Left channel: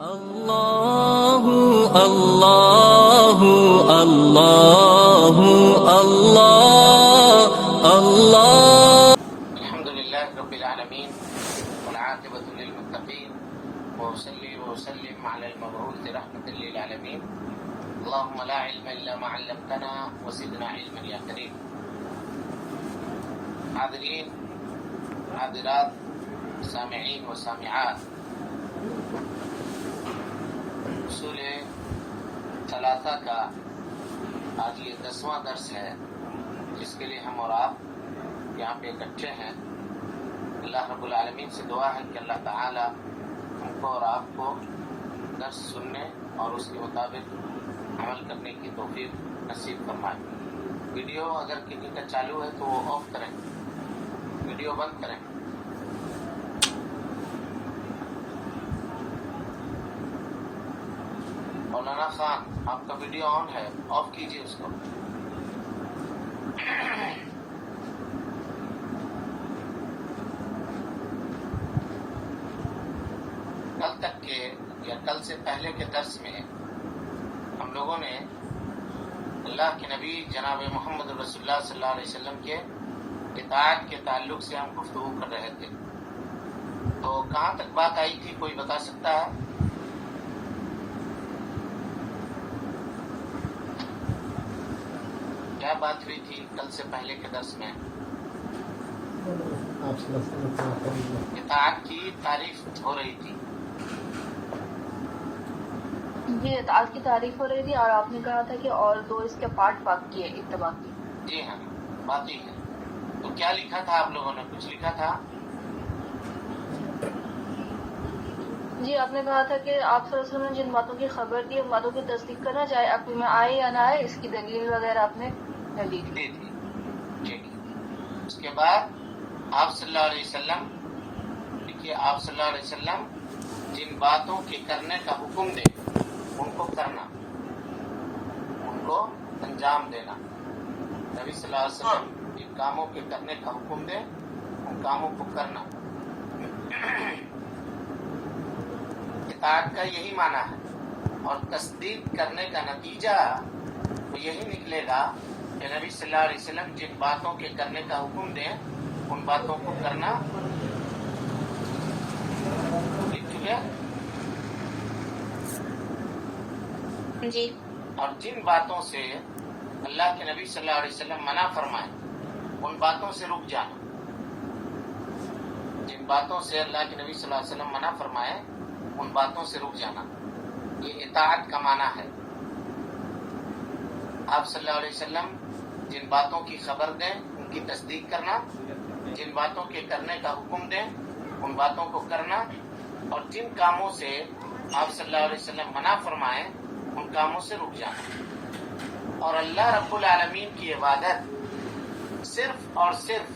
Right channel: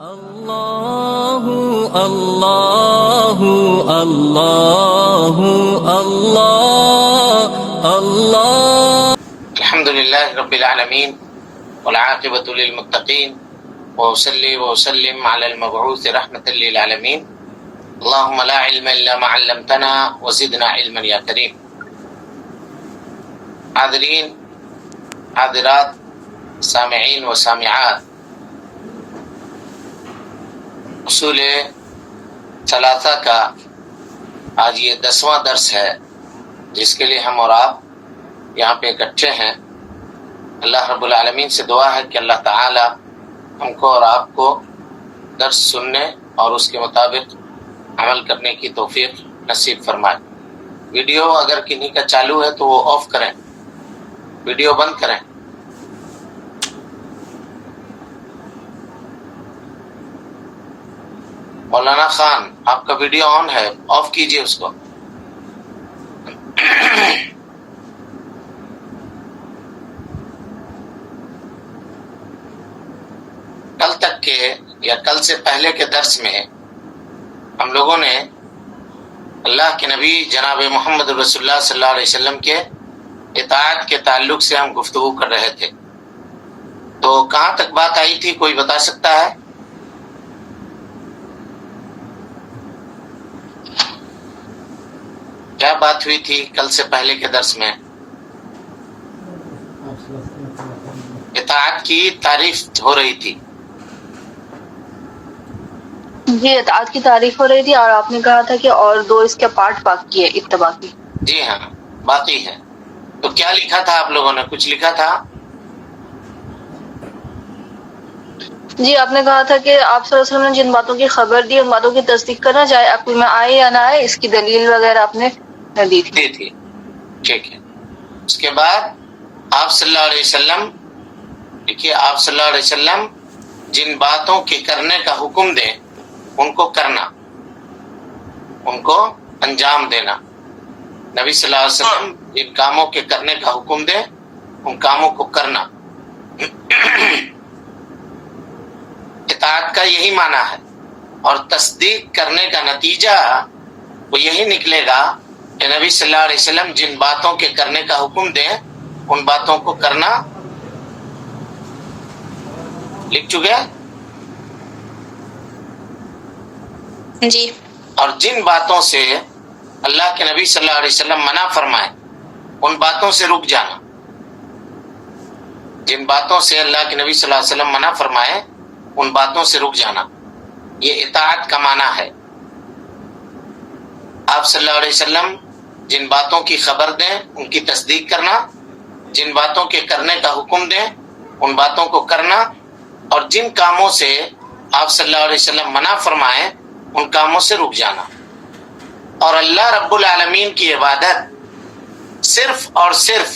اللہ اللہ اللہ اللہ اللہ الحمد للہ رب العالمین والعاقبۃ للمتقین وأصلي وأسلم على المبعوث رحمة للعالمین اللهم لا علم الا ما علمتنا وزدنا علما یا کریم۔ حاضرین حاضرات سامعین و سامعات، اصول ثلاثہ کا آج یہ 10واں درس ہے جس کے لیے ہم اور آپ یہاں پہ اکٹھے ہیں۔ اللہ رب العالمین سے دعا ہے کہ اللہ تعالی ہم کو اور آپ کو درس سننے اور اس کے مطابق عمل کرنے کی توفیق نصیب فرمائے۔ ویڈیو اگر کنہیں کا چالو ہے تو وہ آف کریں، ویڈیو بند کریں۔ مولانا خان آپ کا ویڈیو آن ہے، آف کیجئے اس کو۔ کل تک کے یا کل سے پہلے کے درس میں ہم لوگوں نے اللہ کے نبی جناب محمد رسول اللہ صلی اللہ علیہ وسلم کے اطاعت کے تعلق سے ہم گفتگو کر رہے تھے، تو کہاں تک بات آئی تھی؟ کوئی بتا سکتا ہے؟ کیا بات ہوئی تھی کل سے پہلے کے درس میں؟ اطاعت کی تعریف ہو رہی تھی۔ جی، اطاعت کی تعریف ہو رہی تھی اور آپ نے کہا تھا کہ اور دو اس کے پارٹ باقی ہے اتباع کی۔ جی ہاں، باقی ہے۔ تو کیا لکھا تھا آپ لوگوں نے؟ کچھ لکھا تھا؟ جی، آپ نے کہا تھا کہ آپ صلی اللہ علیہ وسلم نے جن باتوں کی خبر دی ان باتوں کی تصدیق کرنا، چاہے عقل میں آئے یا نہ آئے، اس کی دلیل وغیرہ آپ نے دی تھی۔ ٹھیک ہے۔ اس کے بعد آپ صلی اللہ علیہ وسلم، دیکھیے، آپ صلی اللہ علیہ وسلم جن باتوں کے کرنے کا حکم دیں ان کو کرنا، ان کو انجام دینا۔ نبی صلی اللہ علیہ وسلم جن کاموں کے کرنے کا حکم دیں ان کاموں کو کرنا۔ اطاعت کا یہی معنی ہے، اور تصدیق کرنے کا نتیجہ وہ یہی نکلے گا کہ نبی صلی اللہ علیہ وسلم جن باتوں کے کرنے کا حکم دیں ان باتوں کو کرنا۔ لکھ چکے؟ جی۔ اور جن باتوں سے اللہ کے نبی صلی اللہ علیہ وسلم منع فرمائے ان باتوں سے رک جانا۔ جن باتوں سے اللہ کے نبی صلی اللہ علیہ وسلم منع فرمائے ان باتوں سے رک جانا، یہ اطاعت کا معنی ہے۔ آپ صلی اللہ علیہ وسلم جن باتوں کی خبر دیں ان کی تصدیق کرنا، جن باتوں کے کرنے کا حکم دیں ان باتوں کو کرنا، اور جن کاموں سے آپ صلی اللہ علیہ وسلم منع فرمائیں ان کاموں سے رک جانا۔ اور اللہ رب العالمین کی عبادت صرف اور صرف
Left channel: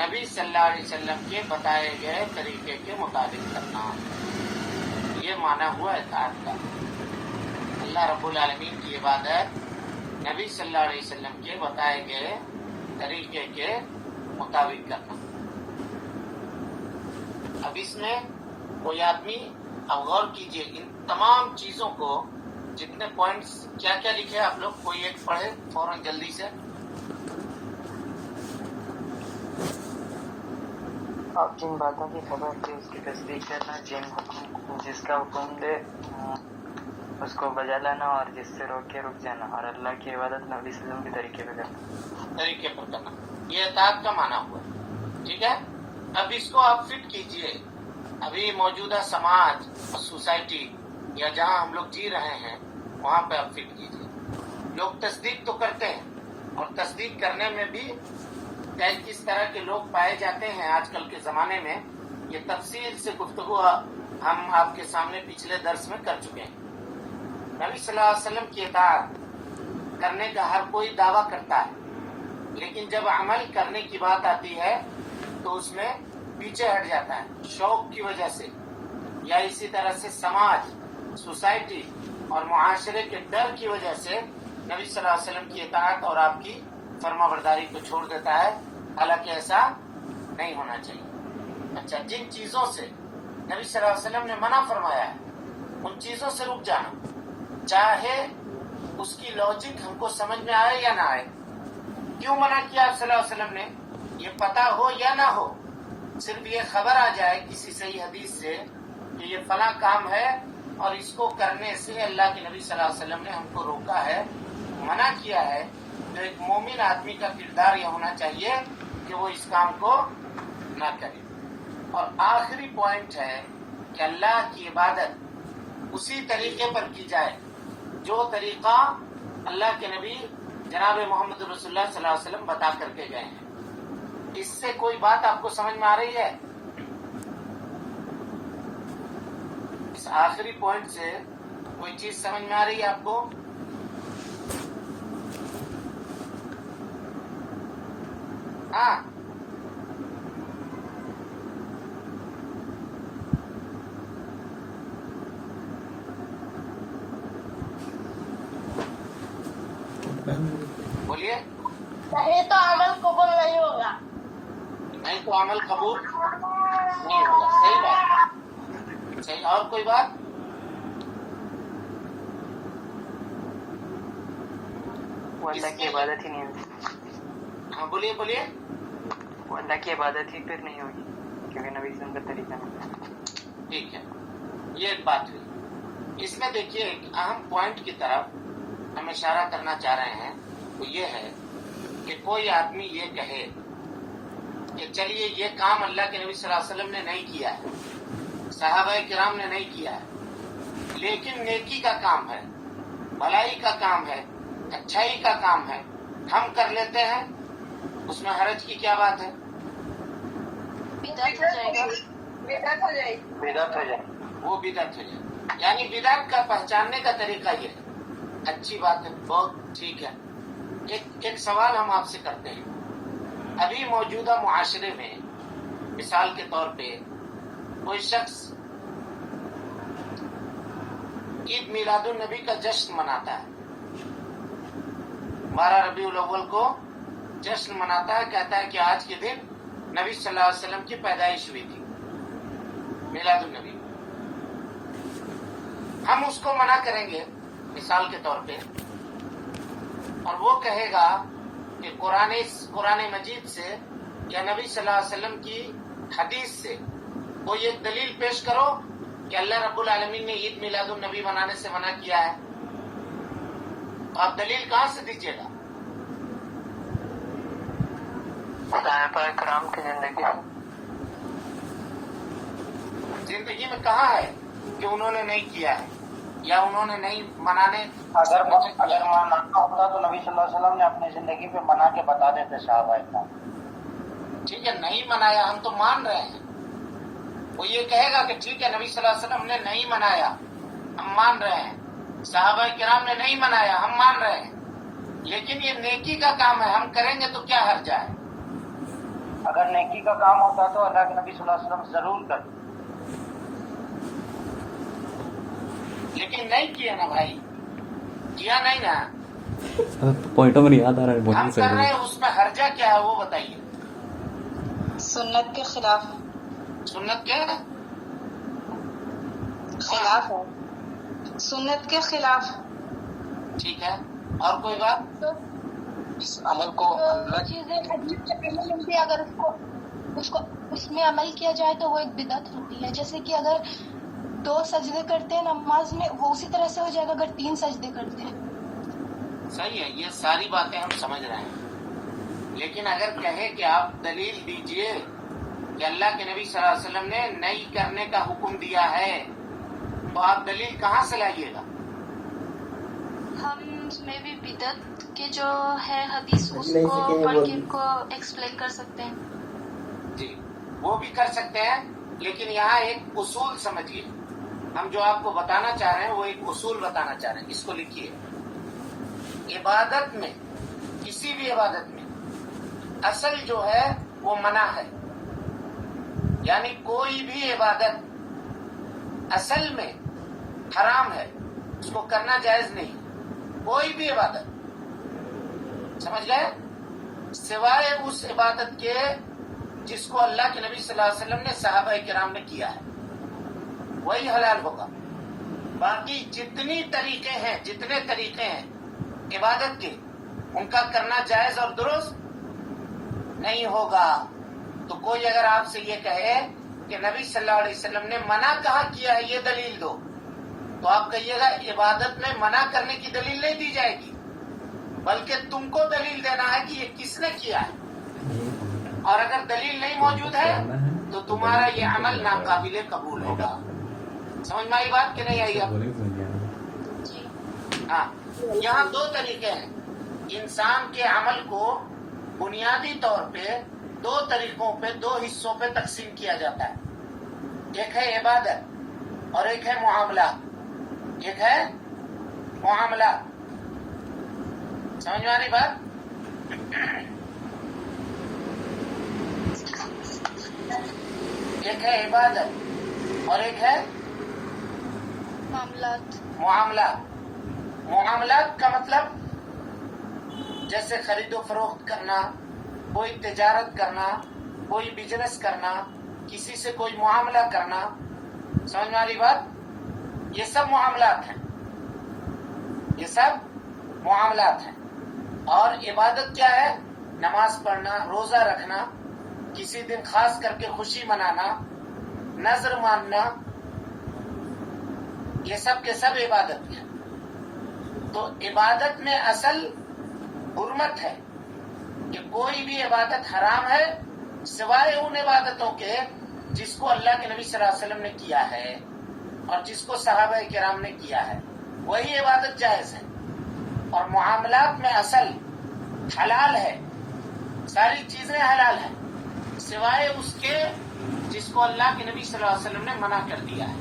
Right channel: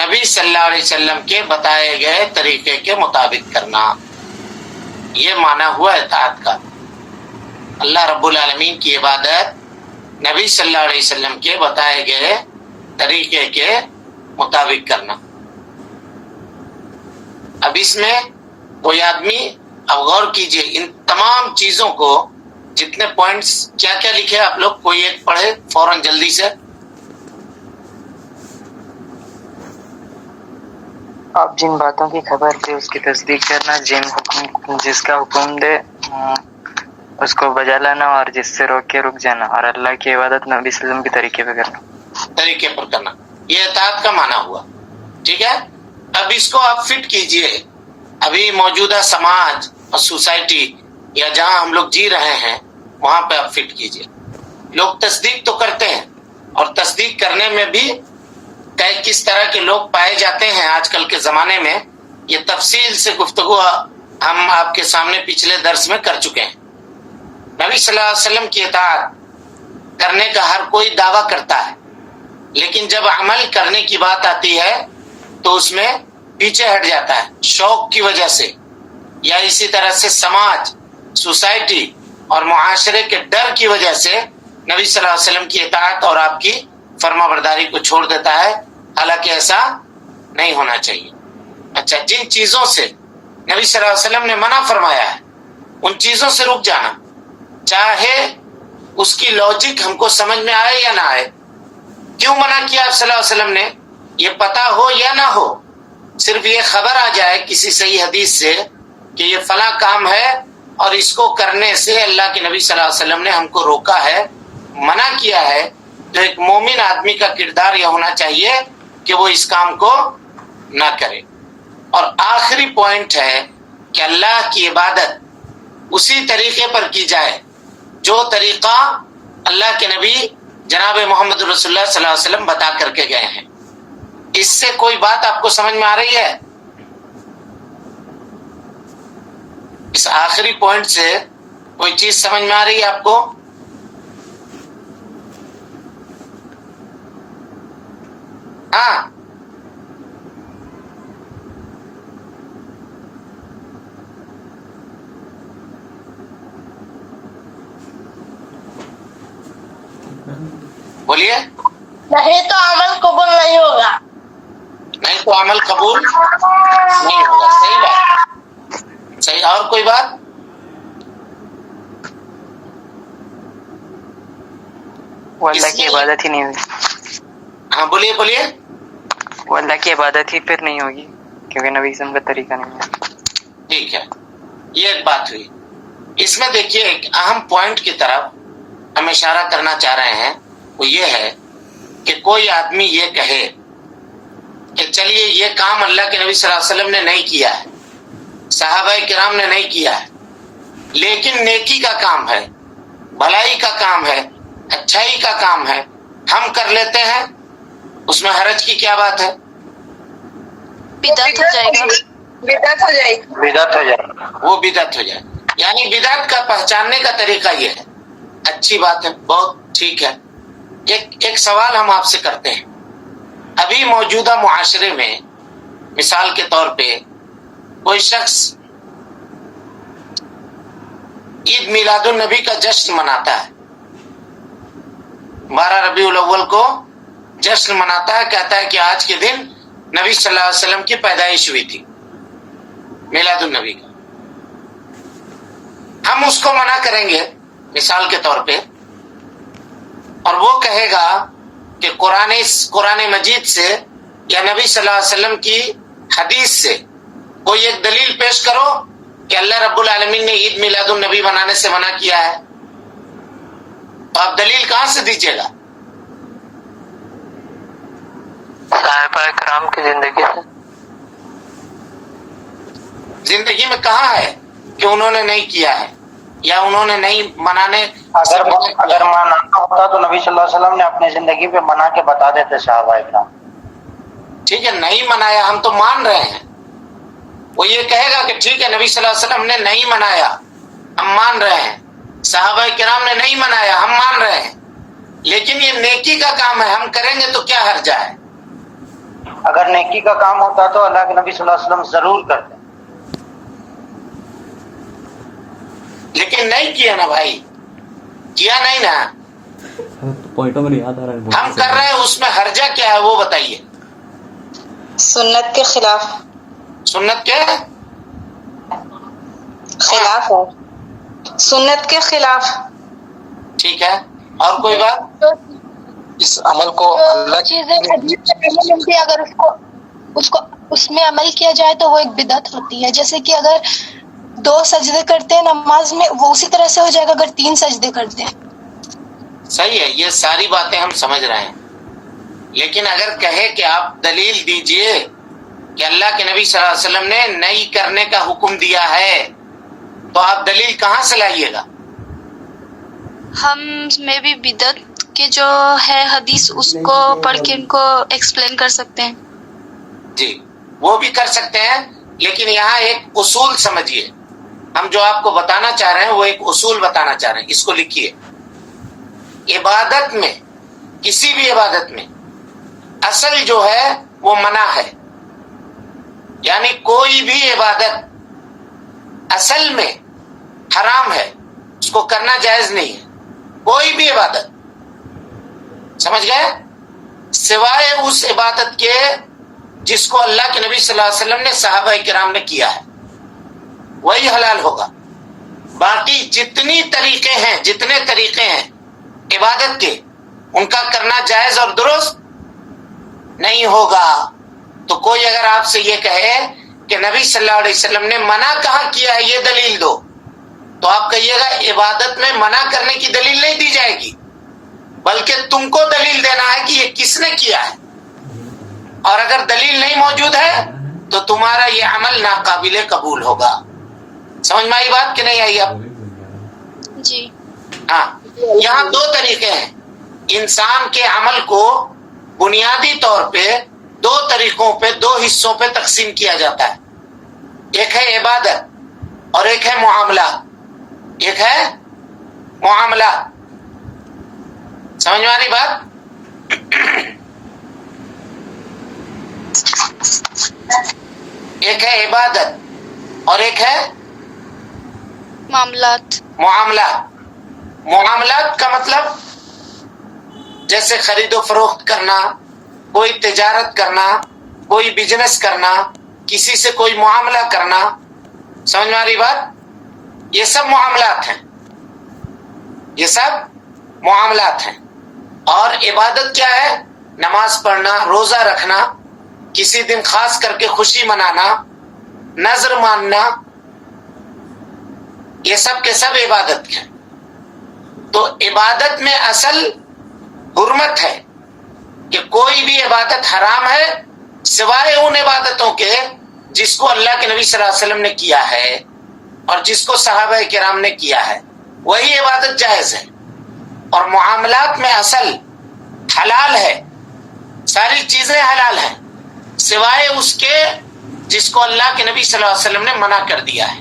نبی صلی اللہ علیہ وسلم کے بتائے گئے طریقے کے مطابق کرنا، یہ معنی ہوا اطاعت کا۔ اللہ رب العالمین کی عبادت نبی صلی اللہ علیہ وسلم کے بتائے گئے طریقے کے مطابق کرنا۔ اب اس میں کوئی آدمی، اب غور کیجئے ان تمام چیزوں کو، جتنے پوائنٹس کیا کیا لکھے آپ لوگ، کوئی ایک پڑھے فوراً جلدی سے۔ آپ جن باتوں کی خبر دے اس کی تصدیق کرنا، جس کا حکم دے اس کو بجا لانا، اور جس سے روک کے رک جانا، اور اللہ کی عبادت نبی صلی اللہ علیہ وسلم کے طریقے پہ کرنا، طریقے پر کرنا، یہ اطاعت کا معنی ہوا۔ ٹھیک ہے، اب اس کو آپ فٹ کیجئے ابھی موجودہ سماج اور سوسائٹی یا جہاں ہم لوگ جی رہے ہیں وہاں پہ آپ فٹ کیجئے۔ لوگ تصدیق تو کرتے ہیں، اور تصدیق کرنے میں بھی کس طرح کے لوگ پائے جاتے ہیں آج کل کے زمانے میں، یہ تفصیل سے گفتگو ہم آپ کے سامنے پچھلے درس میں کر چکے ہیں۔ نبی صلی اللہ علیہ وسلم کی اطاعت کرنے کا ہر کوئی دعویٰ کرتا ہے، لیکن جب عمل کرنے کی بات آتی ہے تو اس میں پیچھے ہٹ جاتا ہے، شوق کی وجہ سے، یا اسی طرح سے سماج، سوسائٹی اور معاشرے کے ڈر کی وجہ سے نبی صلی اللہ علیہ وسلم کی اطاعت اور آپ کی فرما برداری کو چھوڑ دیتا ہے، حالانکہ ایسا نہیں ہونا چاہیے۔ اچھا، جن چیزوں سے نبی صلی اللہ علیہ وسلم نے منع فرمایا ہے ان چیزوں سے رک جانا، چاہے اس کی لاجک ہم کو سمجھ میں آئے یا نہ آئے. کیوں منع کیا آپ صلی اللہ علیہ وسلم نے؟ یہ پتا ہو یا نہ ہو، صرف یہ خبر آ جائے کسی صحیح حدیث سے کہ یہ فلاں کام ہے اور اس کو کرنے سے اللہ کے نبی صلی اللہ علیہ وسلم نے ہم کو روکا ہے، منع کیا ہے، تو ایک مومن آدمی کا کردار یہ ہونا چاہیے کہ وہ اس کام کو نہ کرے. اور آخری پوائنٹ ہے کہ اللہ کی عبادت اسی طریقے پر کی جائے جو طریقہ اللہ کے نبی جناب محمد رسول اللہ صلی اللہ علیہ وسلم بتا کر کے گئے ہیں. اس سے کوئی بات آپ کو سمجھ میں آ رہی ہے؟ اس آخری پوائنٹ سے کوئی چیز سمجھ میں آ رہی ہے آپ کو؟ ہاں، بولیے. نہیں تو عمل قبول نہیں ہوگا. نہیں تو عمل قبول نہیں ہوگا. صحیح بات، صحیح. اور کوئی بات؟ وہ اللہ کی عبادت ہی نہیں ہوگی. ہاں بولیے بولیے. وہ اللہ کی عبادت ہی پھر نہیں ہوگی کیونکہ نبی اسلام کا طریقہ نہیں ہے. ٹھیک ہے، یہ ایک بات ہوئی. اس میں دیکھیے ایک اہم پوائنٹ کی طرف ہم اشارہ کرنا چاہ رہے ہیں، وہ یہ ہے کہ کوئی آدمی یہ کہے کہ چلیے یہ کام اللہ کے نبی صلی اللہ علیہ وسلم نے نہیں کیا ہے، صحابہ کرام نے نہیں کیا ہے، لیکن نیکی کا کام ہے، بھلائی کا کام ہے، اچھائی کا کام ہے، ہم کر لیتے ہیں، اس میں حرج کی کیا بات ہے؟ بدعت ہو جائے گا. بدعت ہو جائے گی. بدعت ہو جائے. وہ بدعت ہو جائے. یعنی بدعت کا پہچاننے کا طریقہ یہ ہے. اچھی بات ہے، بہت ٹھیک ہے. ایک سوال ہم آپ سے کرتے ہیں. ابھی موجودہ معاشرے میں مثال کے طور پہ کوئی شخص عید میلاد النبی کا جشن مناتا ہے، 12 ربیع الاول کو جشن مناتا ہے، کہتا ہے کہ آج کے دن نبی صلی اللہ علیہ وسلم کی پیدائش ہوئی تھی، میلاد النبی کا. ہم اس کو منع کریں گے مثال کے طور پہ، اور وہ کہے گا کہ قرآن مجید سے یا نبی صلی اللہ علیہ وسلم کی حدیث سے کوئی ایک دلیل پیش کرو کہ اللہ رب العالمین نے عید میلاد النبی منانے سے منع کیا ہے. تو آپ دلیل کہاں سے دیجیے گا؟ صحابہ کرام کی زندگی سے. زندگی میں کہاں ہے کہ انہوں نے نہیں کیا ہے یا انہوں نے نہیں منانے؟ اگر منانا ہوتا تو نبی صلی اللہ علیہ وسلم نے اپنی زندگی پہ منا کے بتا دیتے صحابہ کرام. ٹھیک ہے، نہیں منایا، ہم تو مان رہے ہیں. وہ یہ کہے گا کہ ٹھیک ہے نبی صلی اللہ علیہ وسلم نے نہیں منایا، ہم مان رہے ہیں، صحابہ کرام نے نہیں منایا، ہم مان رہے ہیں، لیکن یہ نیکی کا کام ہے، ہم کریں گے تو کیا حرج ہے؟ اگر نیکی کا کام ہوتا تو اللہ کے نبی صلی اللہ علیہ وسلم ضرور کرتے، لیکن نہیں کیا نا بھائی، کیا نہیں نا. پوائنٹوں میں یاد آ رہا ہے. ہم کر رہے ہیں، اس میں حرجہ کیا ہے وہ بتائیے. سنت کے خلاف سنت کے خلاف ہے، سنت کے خلاف. ٹھیک ہے، اور کوئی بات؟ اس عمل کو اللہ چیزیں حدیث سے نہیں ملتی، اگر اس میں عمل کیا جائے تو وہ ایک بدعت ہوتی ہے. جیسے کہ اگر 2 سجدے کرتے ہیں نماز میں، وہ اسی طرح سے ہو جائے گا اگر 3 سجدے کرتے ہیں. صحیح ہے، یہ ساری باتیں ہم سمجھ رہے ہیں، لیکن اگر کہے کہ آپ دلیل دیجئے کہ اللہ کے نبی صلی اللہ علیہ وسلم نے نہیں کرنے کا حکم دیا ہے، تو آپ دلیل کہاں سے لائیے گا؟ ہم میں بھی بدعت کے جو ہے حدیث اس کو پڑھ کے ان کو ایکسپلین کر سکتے ہیں. جی وہ بھی کر سکتے ہیں، لیکن یہاں ایک اصول سمجھیے. ہم جو آپ کو بتانا چاہ رہے ہیں وہ ایک اصول بتانا چاہ رہے ہیں، اس کو لکھیے. عبادت میں، کسی بھی عبادت میں اصل جو ہے وہ منع ہے. یعنی کوئی بھی عبادت اصل میں حرام ہے، اس کو کرنا جائز نہیں ہے. کوئی بھی عبادت، سمجھ گئے؟ سوائے اس عبادت کے جس کو اللہ کے نبی صلی اللہ علیہ وسلم نے صحابہ کرام نے کیا ہے، وہی حلال ہوگا. باقی جتنے طریقے ہیں عبادت کے، ان کا کرنا جائز اور درست نہیں ہوگا. تو کوئی اگر آپ سے یہ کہے کہ نبی صلی اللہ علیہ وسلم نے منع کہاں کیا ہے یہ دلیل دو، تو آپ کہیے گا عبادت میں منع کرنے کی دلیل نہیں دی جائے گی، بلکہ تم کو دلیل دینا ہے کہ یہ کس نے کیا ہے. اور اگر دلیل نہیں موجود ہے تو تمہارا یہ عمل ناقابل قبول ہوگا. سمجھ میں آئی بات کہ نہیں آئی اب؟ جی. ہاں، یہاں دو طریقے ہیں. انسان کے عمل کو بنیادی طور پہ دو طریقوں پہ، دو حصوں پہ تقسیم کیا جاتا ہے. ایک ہے عبادت اور ایک ہے معاملہ. سمجھ میں آ رہی بات؟ ایک ہے عبادت اور ایک ہے معاملات. معاملات کا مطلب جیسے خرید و فروخت کرنا، کوئی تجارت کرنا، کوئی بزنس کرنا، کسی سے کوئی معاملہ کرنا. سمجھ میں آ رہی بات؟ یہ سب معاملات ہیں. اور عبادت کیا ہے؟ نماز پڑھنا، روزہ رکھنا، کسی دن خاص کر کے خوشی منانا، نذر ماننا، یہ سب کے سب عبادت ہیں. تو عبادت میں اصل حرمت ہے کہ کوئی بھی عبادت حرام ہے سوائے ان عبادتوں کے جس کو اللہ کے نبی صلی اللہ علیہ وسلم نے کیا ہے اور جس کو صحابہ کرام نے کیا ہے، وہی عبادت جائز ہے. اور معاملات میں اصل حلال ہے، ساری چیزیں حلال ہیں سوائے اس کے جس کو اللہ کے نبی صلی اللہ علیہ وسلم نے منع کر دیا ہے،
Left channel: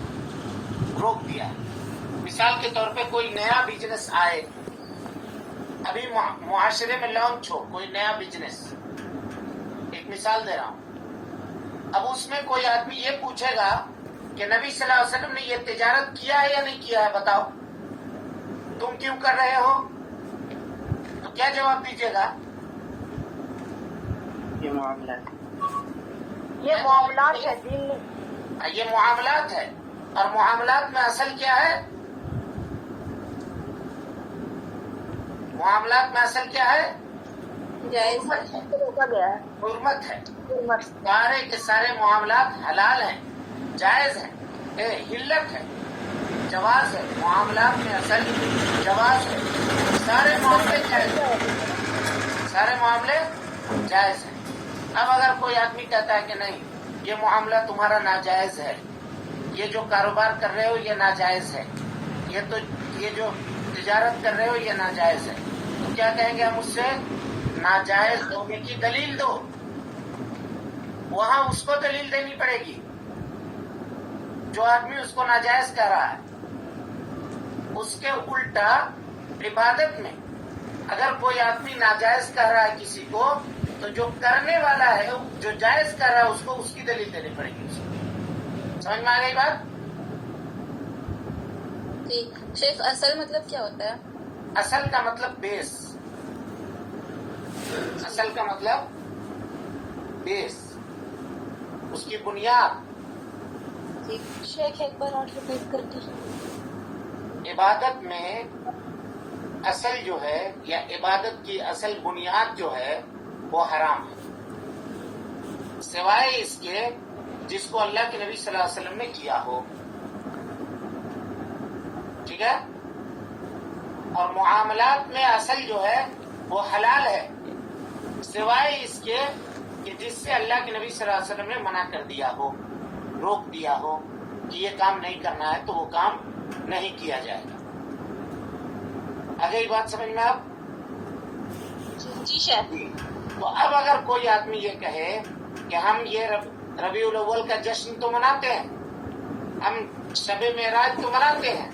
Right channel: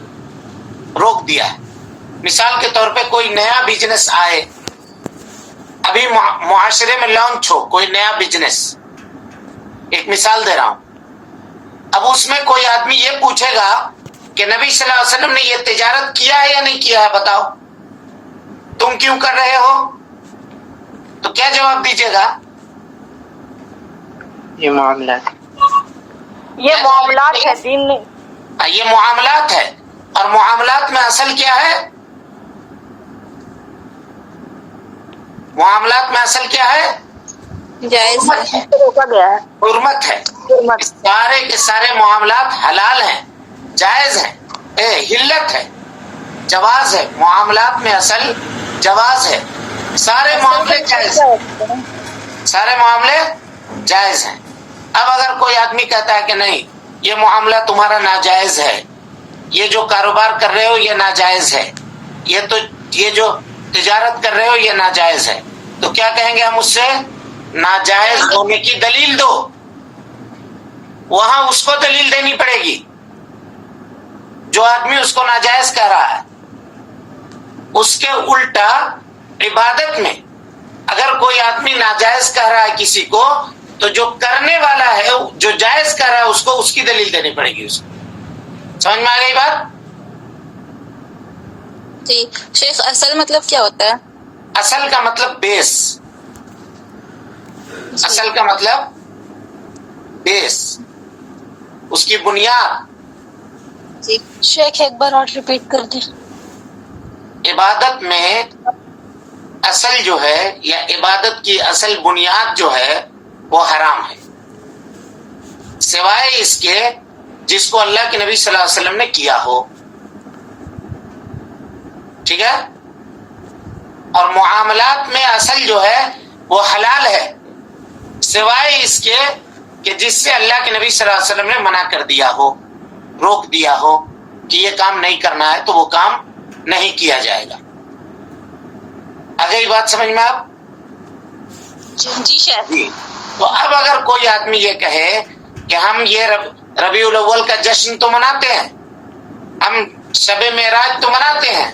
روک دیا ہے. مثال کے طور پہ کوئی نیا بزنس آئے، ابھی معاشرے میں لانچ ہو کوئی نیا بزنس، ایک مثال دے رہا ہوں. اب اس میں کوئی آدمی یہ پوچھے گا کہ نبی صلی اللہ علیہ وسلم نے یہ تجارت کیا ہے یا نہیں کیا ہے، بتاؤ تم کیوں کر رہے ہو؟ تو کیا جواب دیجیے گا؟ یہ معاملات ہے، دین نہیں. یہ معاملات ہے. اور معاملات میں اصل کیا ہے؟ جائز روکا گیا ہے. حرمت ہے. سارے کے سارے معاملات حلال ہیں، جائز ہیں. حلت ہے، جواز ہے. معاملات میں اصل جواز ہے. سارے معاملے جائز ہیں. اب اگر کوئی آدمی کہتا ہے کہ نہیں یہ معاملہ تمہارا ناجائز ہے، یہ جو کاروبار کر رہے ہو یہ ناجائز ہے، یہ جو تجارت کر رہے ہو یہ ناجائز ہے، تو کیا کہیں گے ہم اس سے؟ ناجائز ہونے کی دلیل دو. وہاں اس کو دلیل دینی پڑے گی جو آدمی اس کو ناجائز کہہ رہا ہے. اس کے الٹا عبادت میں اگر کوئی آدمی ناجائز کہہ رہا ہے کسی کو، تو جو کرنے والا ہے جو جائز کہہ رہا ہے اس کو اس کی دلیل دینی پڑے گی. اس کو سمجھ میں آ گئی بات؟ جی شیخ، اصل مطلب کیا ہوتا ہے؟ اصل کا مطلب بیس. اصل کا مطلب بیس، اس کی بنیاد. جی شیخ ایک بار اور ریپیٹ کر دیں. عبادت میں اصل جو ہے یا عبادت کی اصل بنیاد جو ہے وہ حرام ہے سوائے اس کے جس کو اللہ کے نبی صلی اللہ علیہ وسلم نے کیا ہو. ٹھیک ہے؟ اور معاملات میں اصل جو ہے وہ حلال ہے سوائے اس کے کہ جس سے اللہ کے نبی صلی اللہ علیہ وسلم نے منع کر دیا ہو، روک دیا ہو کہ یہ کام نہیں کرنا ہے، تو وہ کام نہیں کیا جائے گا. آ گئی بات سمجھ میں آپ؟ جی شیخ. جی. تو اب اگر کوئی آدمی یہ کہے کہ ہم یہ ربیع الاول کا جشن تو مناتے ہیں، ہم شب معراج تو مناتے ہیں،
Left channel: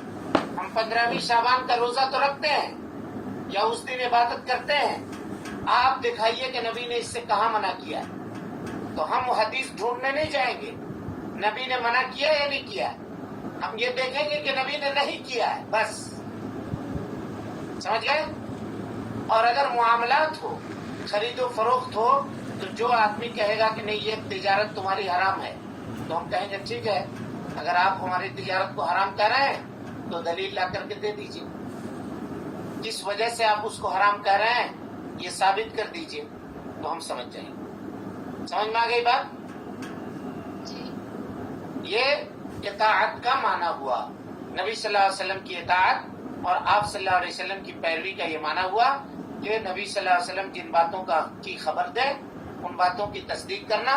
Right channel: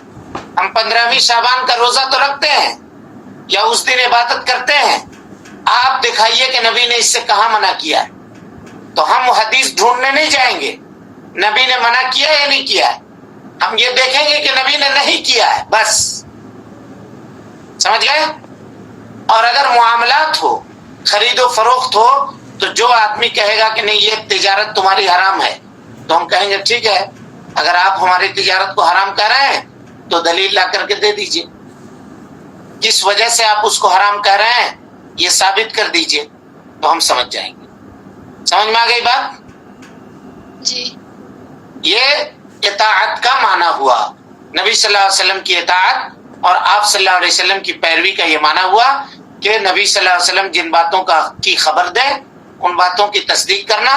ہم 15ویں شعبان کا روزہ تو رکھتے ہیں یا اس دن عبادت کرتے ہیں، آپ دکھائیے کہ نبی نے اس سے کہاں منع کیا ہے. تو ہم حدیث ڈھونڈنے نہیں جائیں گے نبی نے منع کیا یا نہیں کیا ہے، ہم یہ دیکھیں گے کہ نبی نے نہیں کیا ہے، بس. سمجھ گئے؟ اور اگر معاملات ہو، خرید و فروخت ہو، تو جو آدمی کہے گا کہ نہیں یہ تجارت تمہاری حرام ہے، تو ہم کہیں گے ٹھیک ہے، اگر آپ ہماری تجارت کو حرام کہہ رہے ہیں تو دلیل لا کر کے دے دیجئے. جس وجہ سے آپ اس کو حرام کہہ رہے ہیں یہ ثابت کر دیجئے تو ہم سمجھ جائیں گے. سمجھ میں آ گئی بات؟ جی. یہ اطاعت کا معنی ہوا. نبی صلی اللہ علیہ وسلم کی اطاعت اور آپ صلی اللہ علیہ وسلم کی پیروی کا یہ معنی ہوا کہ نبی صلی اللہ علیہ وسلم جن باتوں کی خبر دے ان باتوں کی تصدیق کرنا.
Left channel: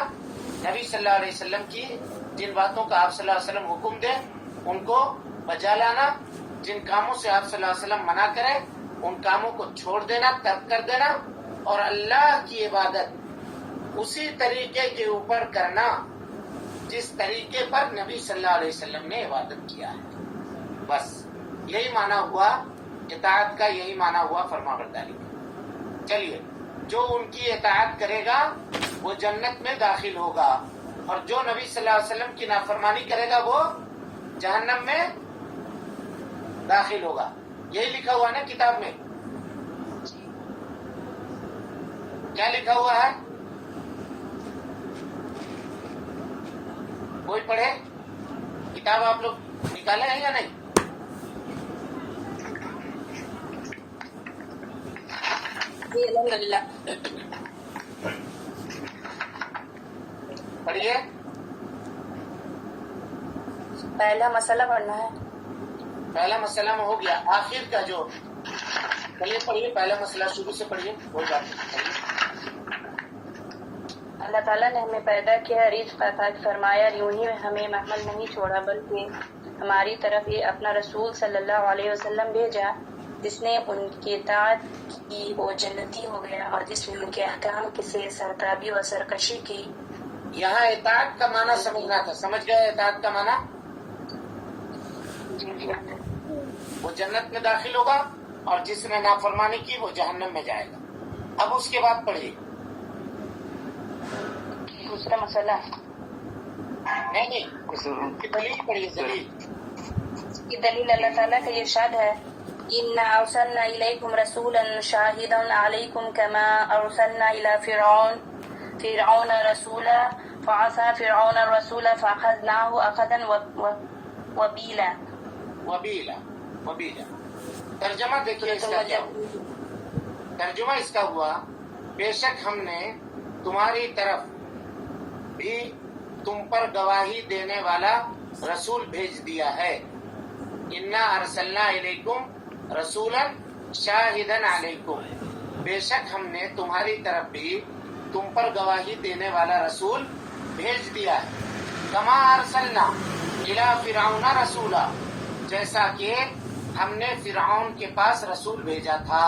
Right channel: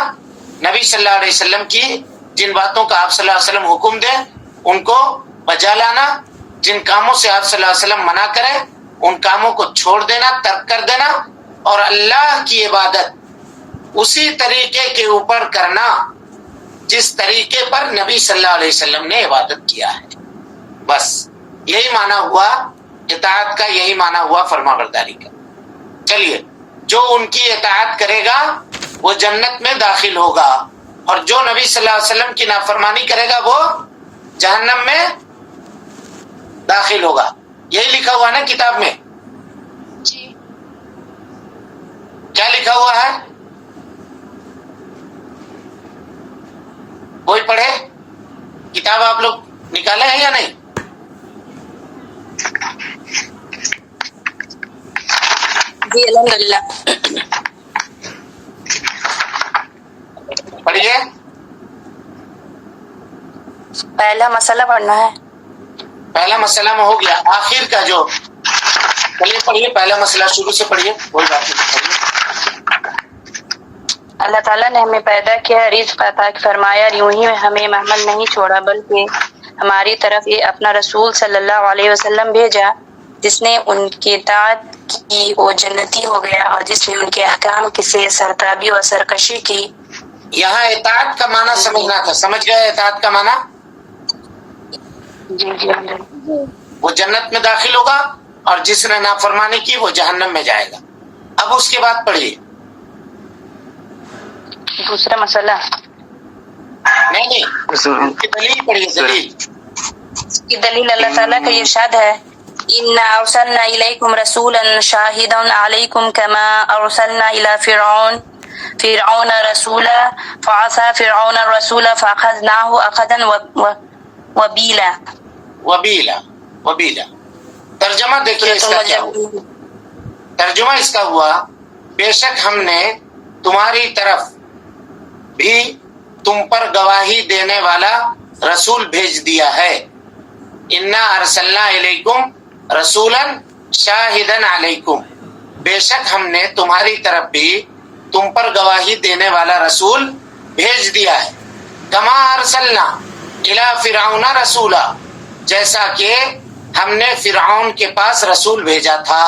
نبی صلی اللہ علیہ وسلم کی جن باتوں کا آپ صلی اللہ علیہ وسلم حکم دے ان کو بجا لانا. جن کاموں سے آپ صلی اللہ علیہ وسلم منع کرے ان کاموں کو چھوڑ دینا، ترک کر دینا، اور اللہ کی عبادت اسی طریقے کے اوپر کرنا جس طریقے پر نبی صلی اللہ علیہ وسلم نے عبادت کیا ہے. بس یہی معنی ہوا اطاعت کا، یہی معنی ہوا فرما برداری کا. چلیے، جو ان کی اطاعت کرے گا وہ جنت میں داخل ہوگا، اور جو نبی صلی اللہ علیہ وسلم کی نافرمانی کرے گا وہ جہنم میں داخل ہوگا. یہی لکھا ہوا نا کتاب میں؟ جی. کیا لکھا ہوا ہے؟ کوئی پڑھے؟ کتاب آپ لوگ نکالے ہیں یا نہیں؟ جی الحمدللہ. پڑھیے. پہلا مسئلہ پڑھنا ہے. پہلا مسئلہ میں ہو گیا. آخر کا جو چلیے پڑھیے، پہلا مسئلہ شروع سے پڑھیے، کوئی بات نہیں. اللہ تعالیٰ نے ہمیں پیدا کیا، رزق عطا فرمایا، اور یوں ہی ہمیں محمل نہیں چھوڑا بلکہ ہماری طرف یہ اپنا رسول صلی اللہ علیہ وسلم بھیجا جس نے ان کی اطاعت کی وہ جنتی ہو گیا، اور جس نے ان کے احکام کی سے سرتابی اور سرکشی کی. یہاں اطاعت کا معنی سمجھنا تھا. سمجھ گئے اطاعت کا معنی؟ جی جی وہ جنت میں داخل ہوگا اور جس نے نافرمانی کی وہ جہنم میں جائے گا. اب اس کے بعد پڑھیے. دوسرا مسئلہ نہیں دلیل پڑھیے. دلیل کی دلیل اللہ تعالیٰ کا ارشاد ہے اِنَّا أَرْسَلْنَا إِلَيْكُمْ رَسُولًا شَاهِدًا عَلَيْكُمْ كَمَا أَرْسَلْنَا إِلَى فِرْعَوْنَ رَسُولًا فَعَصَىٰ فِرْعَوْنَ الرَّسُولَ فَأَخَذْنَاهُ أَخْذًا وَبِيلًا. وبیلا ترجمہ دیکھیے اس کا کیا ہوا. ترجمہ اس کا ہوا بے شک ہم نے تمہاری طرف بھی تم پر گواہی دینے والا رسول بھیج دیا ہے. انا ارسلنا الیکم رسولا شاہدا علیکم، بے شک ہم نے تمہاری طرف بھی تم پر گواہی دینے والا رسول بھیج دیا ہے. کما ارسلنا الی فرعون رسولا، جیسا کہ ہم نے فرعون کے پاس رسول بھیجا تھا.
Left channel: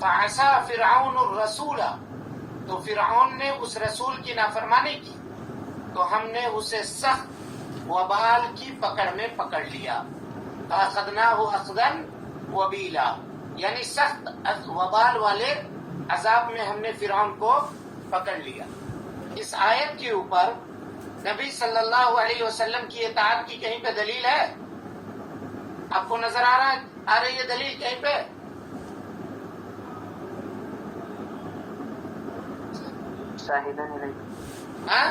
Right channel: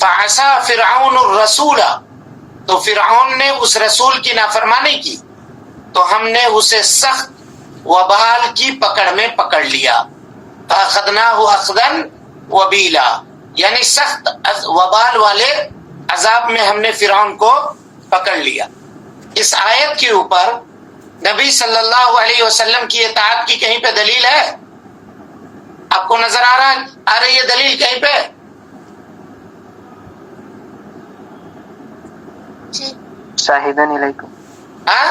فعصى فرعون الرسول، تو فرعون نے اس رسول کی نافرمانی کی تو ہم نے اسے سخت وبال کی پکڑ میں پکڑ لیا. فاخذناه اخذا وبیلا، یعنی سخت وبال والے عذاب میں ہم نے فرعون کو پکڑ لیا. اس آیت کے اوپر نبی صلی اللہ علیہ وسلم کی اطاعت کی کہیں پہ دلیل ہے؟ آپ کو نظر آ رہی ہے دلیل کہیں پہ؟ شاہدن علیکم. ہاں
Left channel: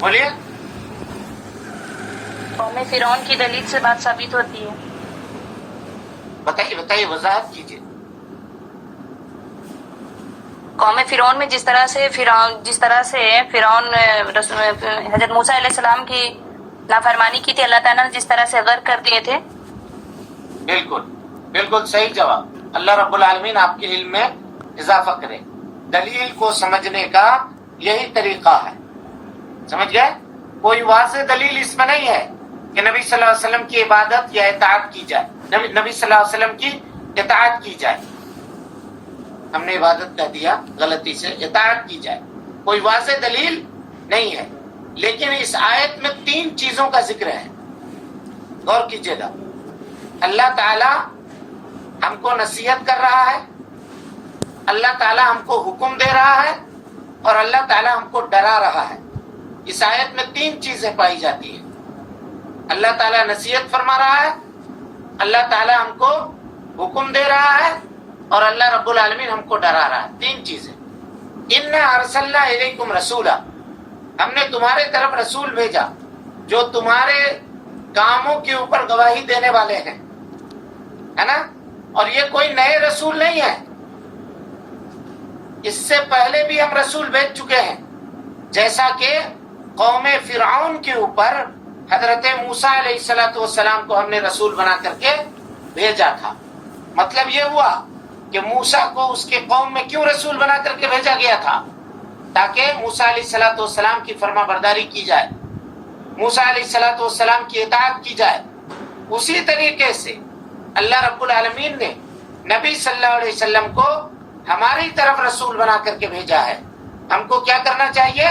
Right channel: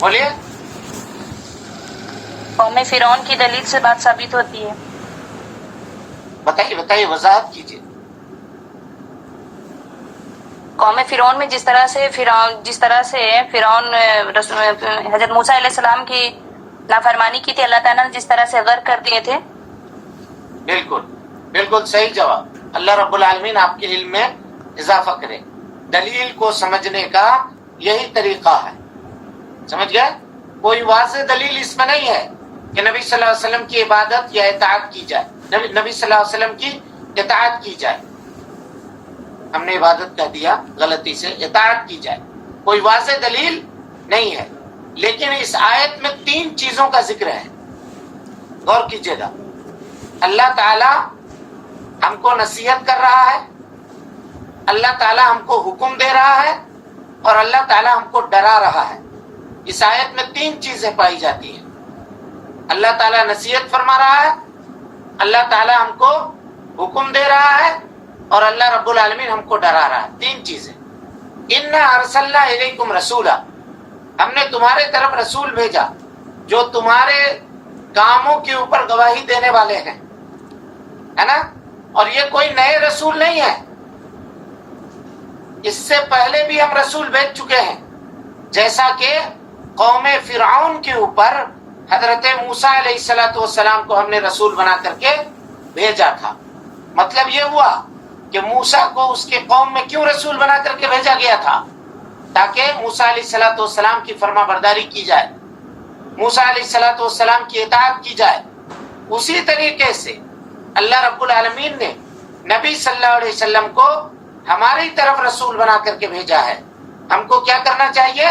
بولیے. قوم فرعون کی دلیل سے بات ثابت ہوتی ہے. بتائیے وضاحت کیجیے. قوم فرعون میں جس طرح سے فرعون حضرت موسیٰ علیہ السلام کی نافرمانی کی تھی، اللہ تعالیٰ نے جس طرح سے غرق کر دیے تھے. بالکل صحیح جواب. اللہ رب العالمین آپ کے علم میں اضافہ کرے. دلیل کو سمجھنے کا یہی طریقہ ہے. سمجھ گئے؟ کوئی واضح دلیل اس میں نہیں ہے کہ نبی صلی اللہ علیہ وسلم کی عبادت یا اطاعت کی جائے، نبی صلی اللہ علیہ وسلم کی اطاعت کی جائے. ہم نے عبادت کہہ دیا غلطی سے، اطاعت کی جائے. کوئی واضح دلیل نہیں ہے. لیکن اس آیت میں 3 چیزوں کا ذکر ہے. غور کیجیے گا. اللہ تعالی ہم کو نصیحت کر رہا ہے، اللہ تعالی ہم کو حکم دے رہا ہے، اور اللہ تعالی ہم کو ڈرا رہا ہے. اس آیت میں 3 چیزیں پائی جاتی ہیں. اللہ تعالیٰ نصیحت فرما رہا ہے، اللہ تعالیٰ ہم کو حکم دے رہا ہے، اور اللہ رب العالمین ہم کو ڈرا رہا ہے. 3 چیزیں. انا ارسلنا الیکم رسولا، ہم نے تمہارے طرف رسول بھیجا جو تمہارے کاموں کے اوپر گواہی دینے والے ہیں، ہے نا؟ اور یہ کوئی نئے رسول نہیں ہے، اس سے پہلے بھی ہم رسول بھیج چکے ہیں، جیسا کہ قوم فرعون کے اوپر حضرت موسیٰ علیہ السلام کو ہم نے رسول بنا کر کے بھیجا تھا۔ مطلب یہ ہوا کہ موسیٰ کو اس کے قوم میں کیوں رسول بنا کر کے بھیجا گیا تھا؟ تاکہ موسیٰ علیہ السلام کی فرما برداری کی جائے، موسیٰ علیہ السلام کی اطاعت کی جائے۔ اسی طریقے سے اللہ رب العالمین نے نبی صلی اللہ علیہ وسلم کو ہماری طرف رسول بنا کر کے بھیجا ہے۔ ہم کو کیا کرنا چاہیے؟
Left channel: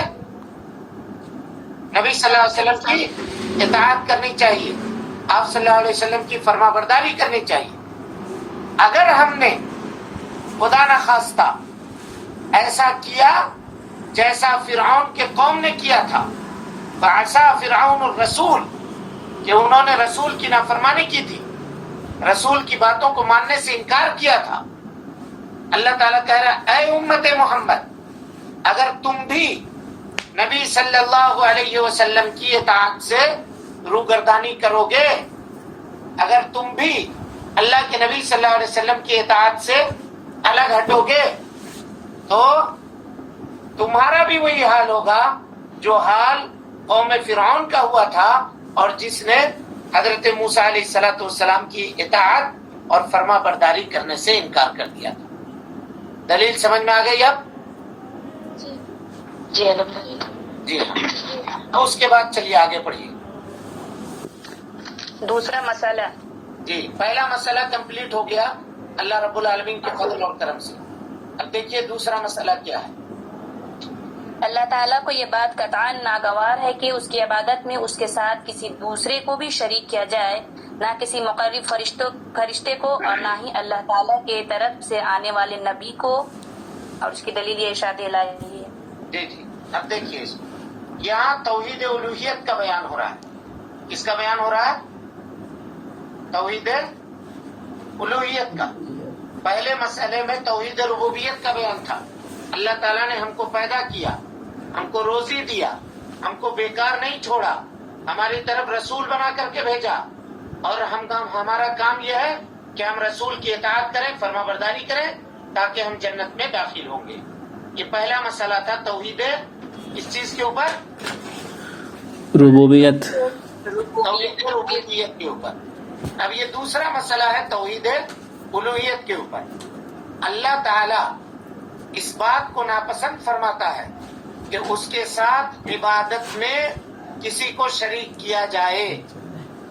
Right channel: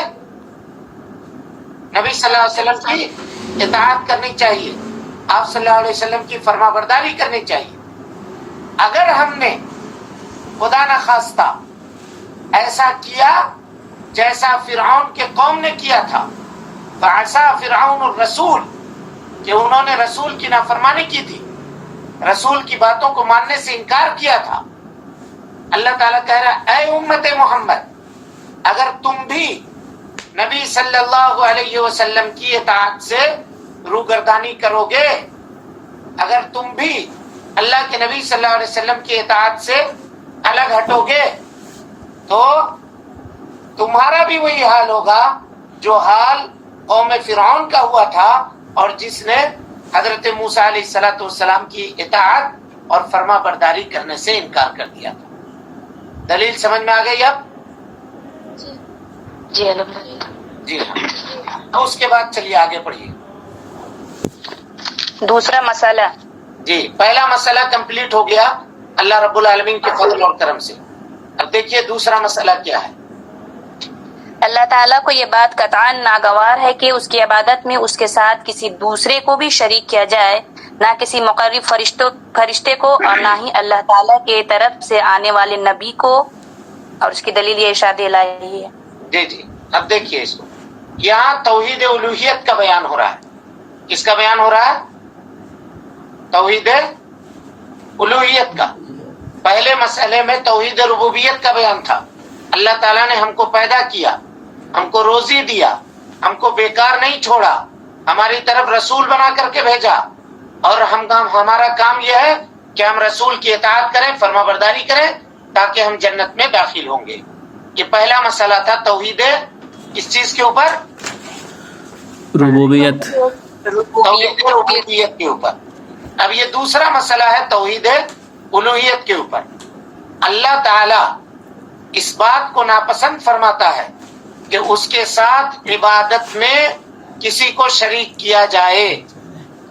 نبی صلی اللہ علیہ وسلم کی اطاعت کرنی چاہیے، آپ صلی اللہ علیہ وسلم کی فرما برداری کرنی چاہیے۔ اگر ہم نے خدا نخواستہ ایسا کیا جیسا فرعون کے قوم نے کیا تھا، فعصا فرعون الرسول، کہ انہوں نے رسول کی نافرمانی کی تھی، رسول کی باتوں کو ماننے سے انکار کیا تھا، اللہ تعالیٰ کہہ رہا اے امت محمد، اگر تم بھی نبی صلی اللہ علیہ وسلم کی اطاعت سے روگردانی کرو گے، اگر تم بھی اللہ کے نبی صلی اللہ علیہ وسلم کی اطاعت سے الگ ہٹو گے تو تمہارا بھی وہی حال ہوگا جو حال قوم فرعون کا ہوا تھا، اور جس نے حضرت موسیٰ علیہ السلام کی اطاعت اور فرما برداری کرنے سے انکار کر دیا۔ دلیل سمجھ میں آ گئی اب؟ جی الحمدللہ۔ جی ہاں، اور اس کے بعد چلیے آگے پڑھیے۔ دوسرا مسئلہ، جی پہلا مسئلہ کمپلیٹ ہو گیا اللہ رب العالمین کے فضل اور کرم سے۔ اب دیکھیے دوسرا مسئلہ کیا ہے۔ اللہ تعالیٰ کو یہ بات قطعاً ناگوار ہے کہ اس کی عبادت میں اس کے ساتھ کسی دوسرے کو بھی شریک کیا جائے، نہ کسی مقرب فرشتے کو، اور نہ ہی اللہ تعالیٰ کے طرف سے آنے والے نبی کو، اور اس کی دلیل یہ ارشاد الہی ہے۔ جی جی، اب دیکھیے اس کو، یہاں توحید الوہیت کا بیان ہو رہا ہے۔ کس کا بیان ہو رہا ہے؟ توحید الوہیت کا۔ پہلے مسئلے میں توحید ربوبیت کا بیان تھا، اللہ تعالیٰ نے ہم کو پیدا کیا، ہم کو روزی دیا، ہم کو بیکار نہیں چھوڑا، ہماری طرف رسول بنا کر کے بھیجا، اور ہمارا کام یہ ہے کہ ہم رسول کی اطاعت کریں، فرما برداری کریں، تاکہ ہم جنت میں داخل ہوں گے۔ یہ پہلا مسئلہ تھا توحید اس چیز کے اوپر، ربوبیت، توحید ربوبیت کے اوپر۔ اب یہ دوسرا مسئلہ ہے توحید الوہیت کے اوپر۔ اللہ تعالی اس بات کو ناپسند فرماتا ہے کہ اس کے ساتھ عبادت میں کسی کو شریک کیا جائے۔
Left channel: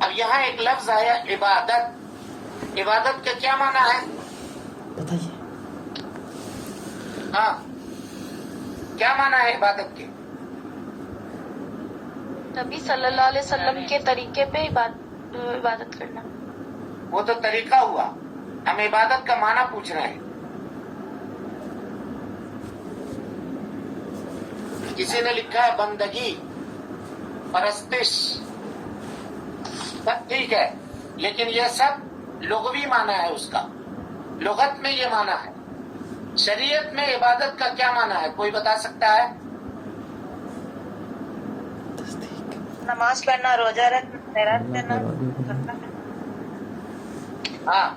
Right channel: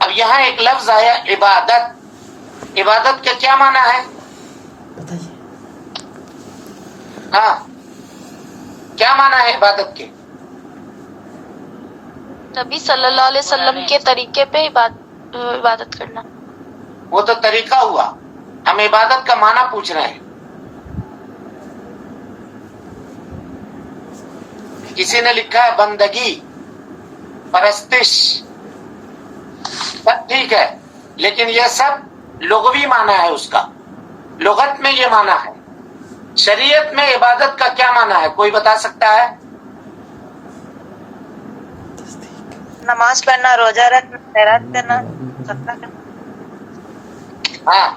اب یہاں ایک لفظ آیا عبادت، عبادت کا کیا معنی ہے؟ ہاں کیا معنی ہے عبادت کے؟ نبی صلی اللہ علیہ وسلم کے طریقے پہ عبادت کرنا۔ وہ تو طریقہ ہوا، ہم عبادت کا معنی پوچھ رہے ہیں۔ کسی نے لکھا ہے بندگی، پرستش، سب ٹھیک ہے، لیکن یہ سب لغوی معنی ہے، اس کا لغت میں یہ معنی ہے۔ شریعت میں عبادت کا کیا معنی ہے؟ کوئی بتا سکتا ہے؟ نماز پڑھنا، روزہ رکھنا، خیرات کرنا، صدقہ کرنا۔ ہاں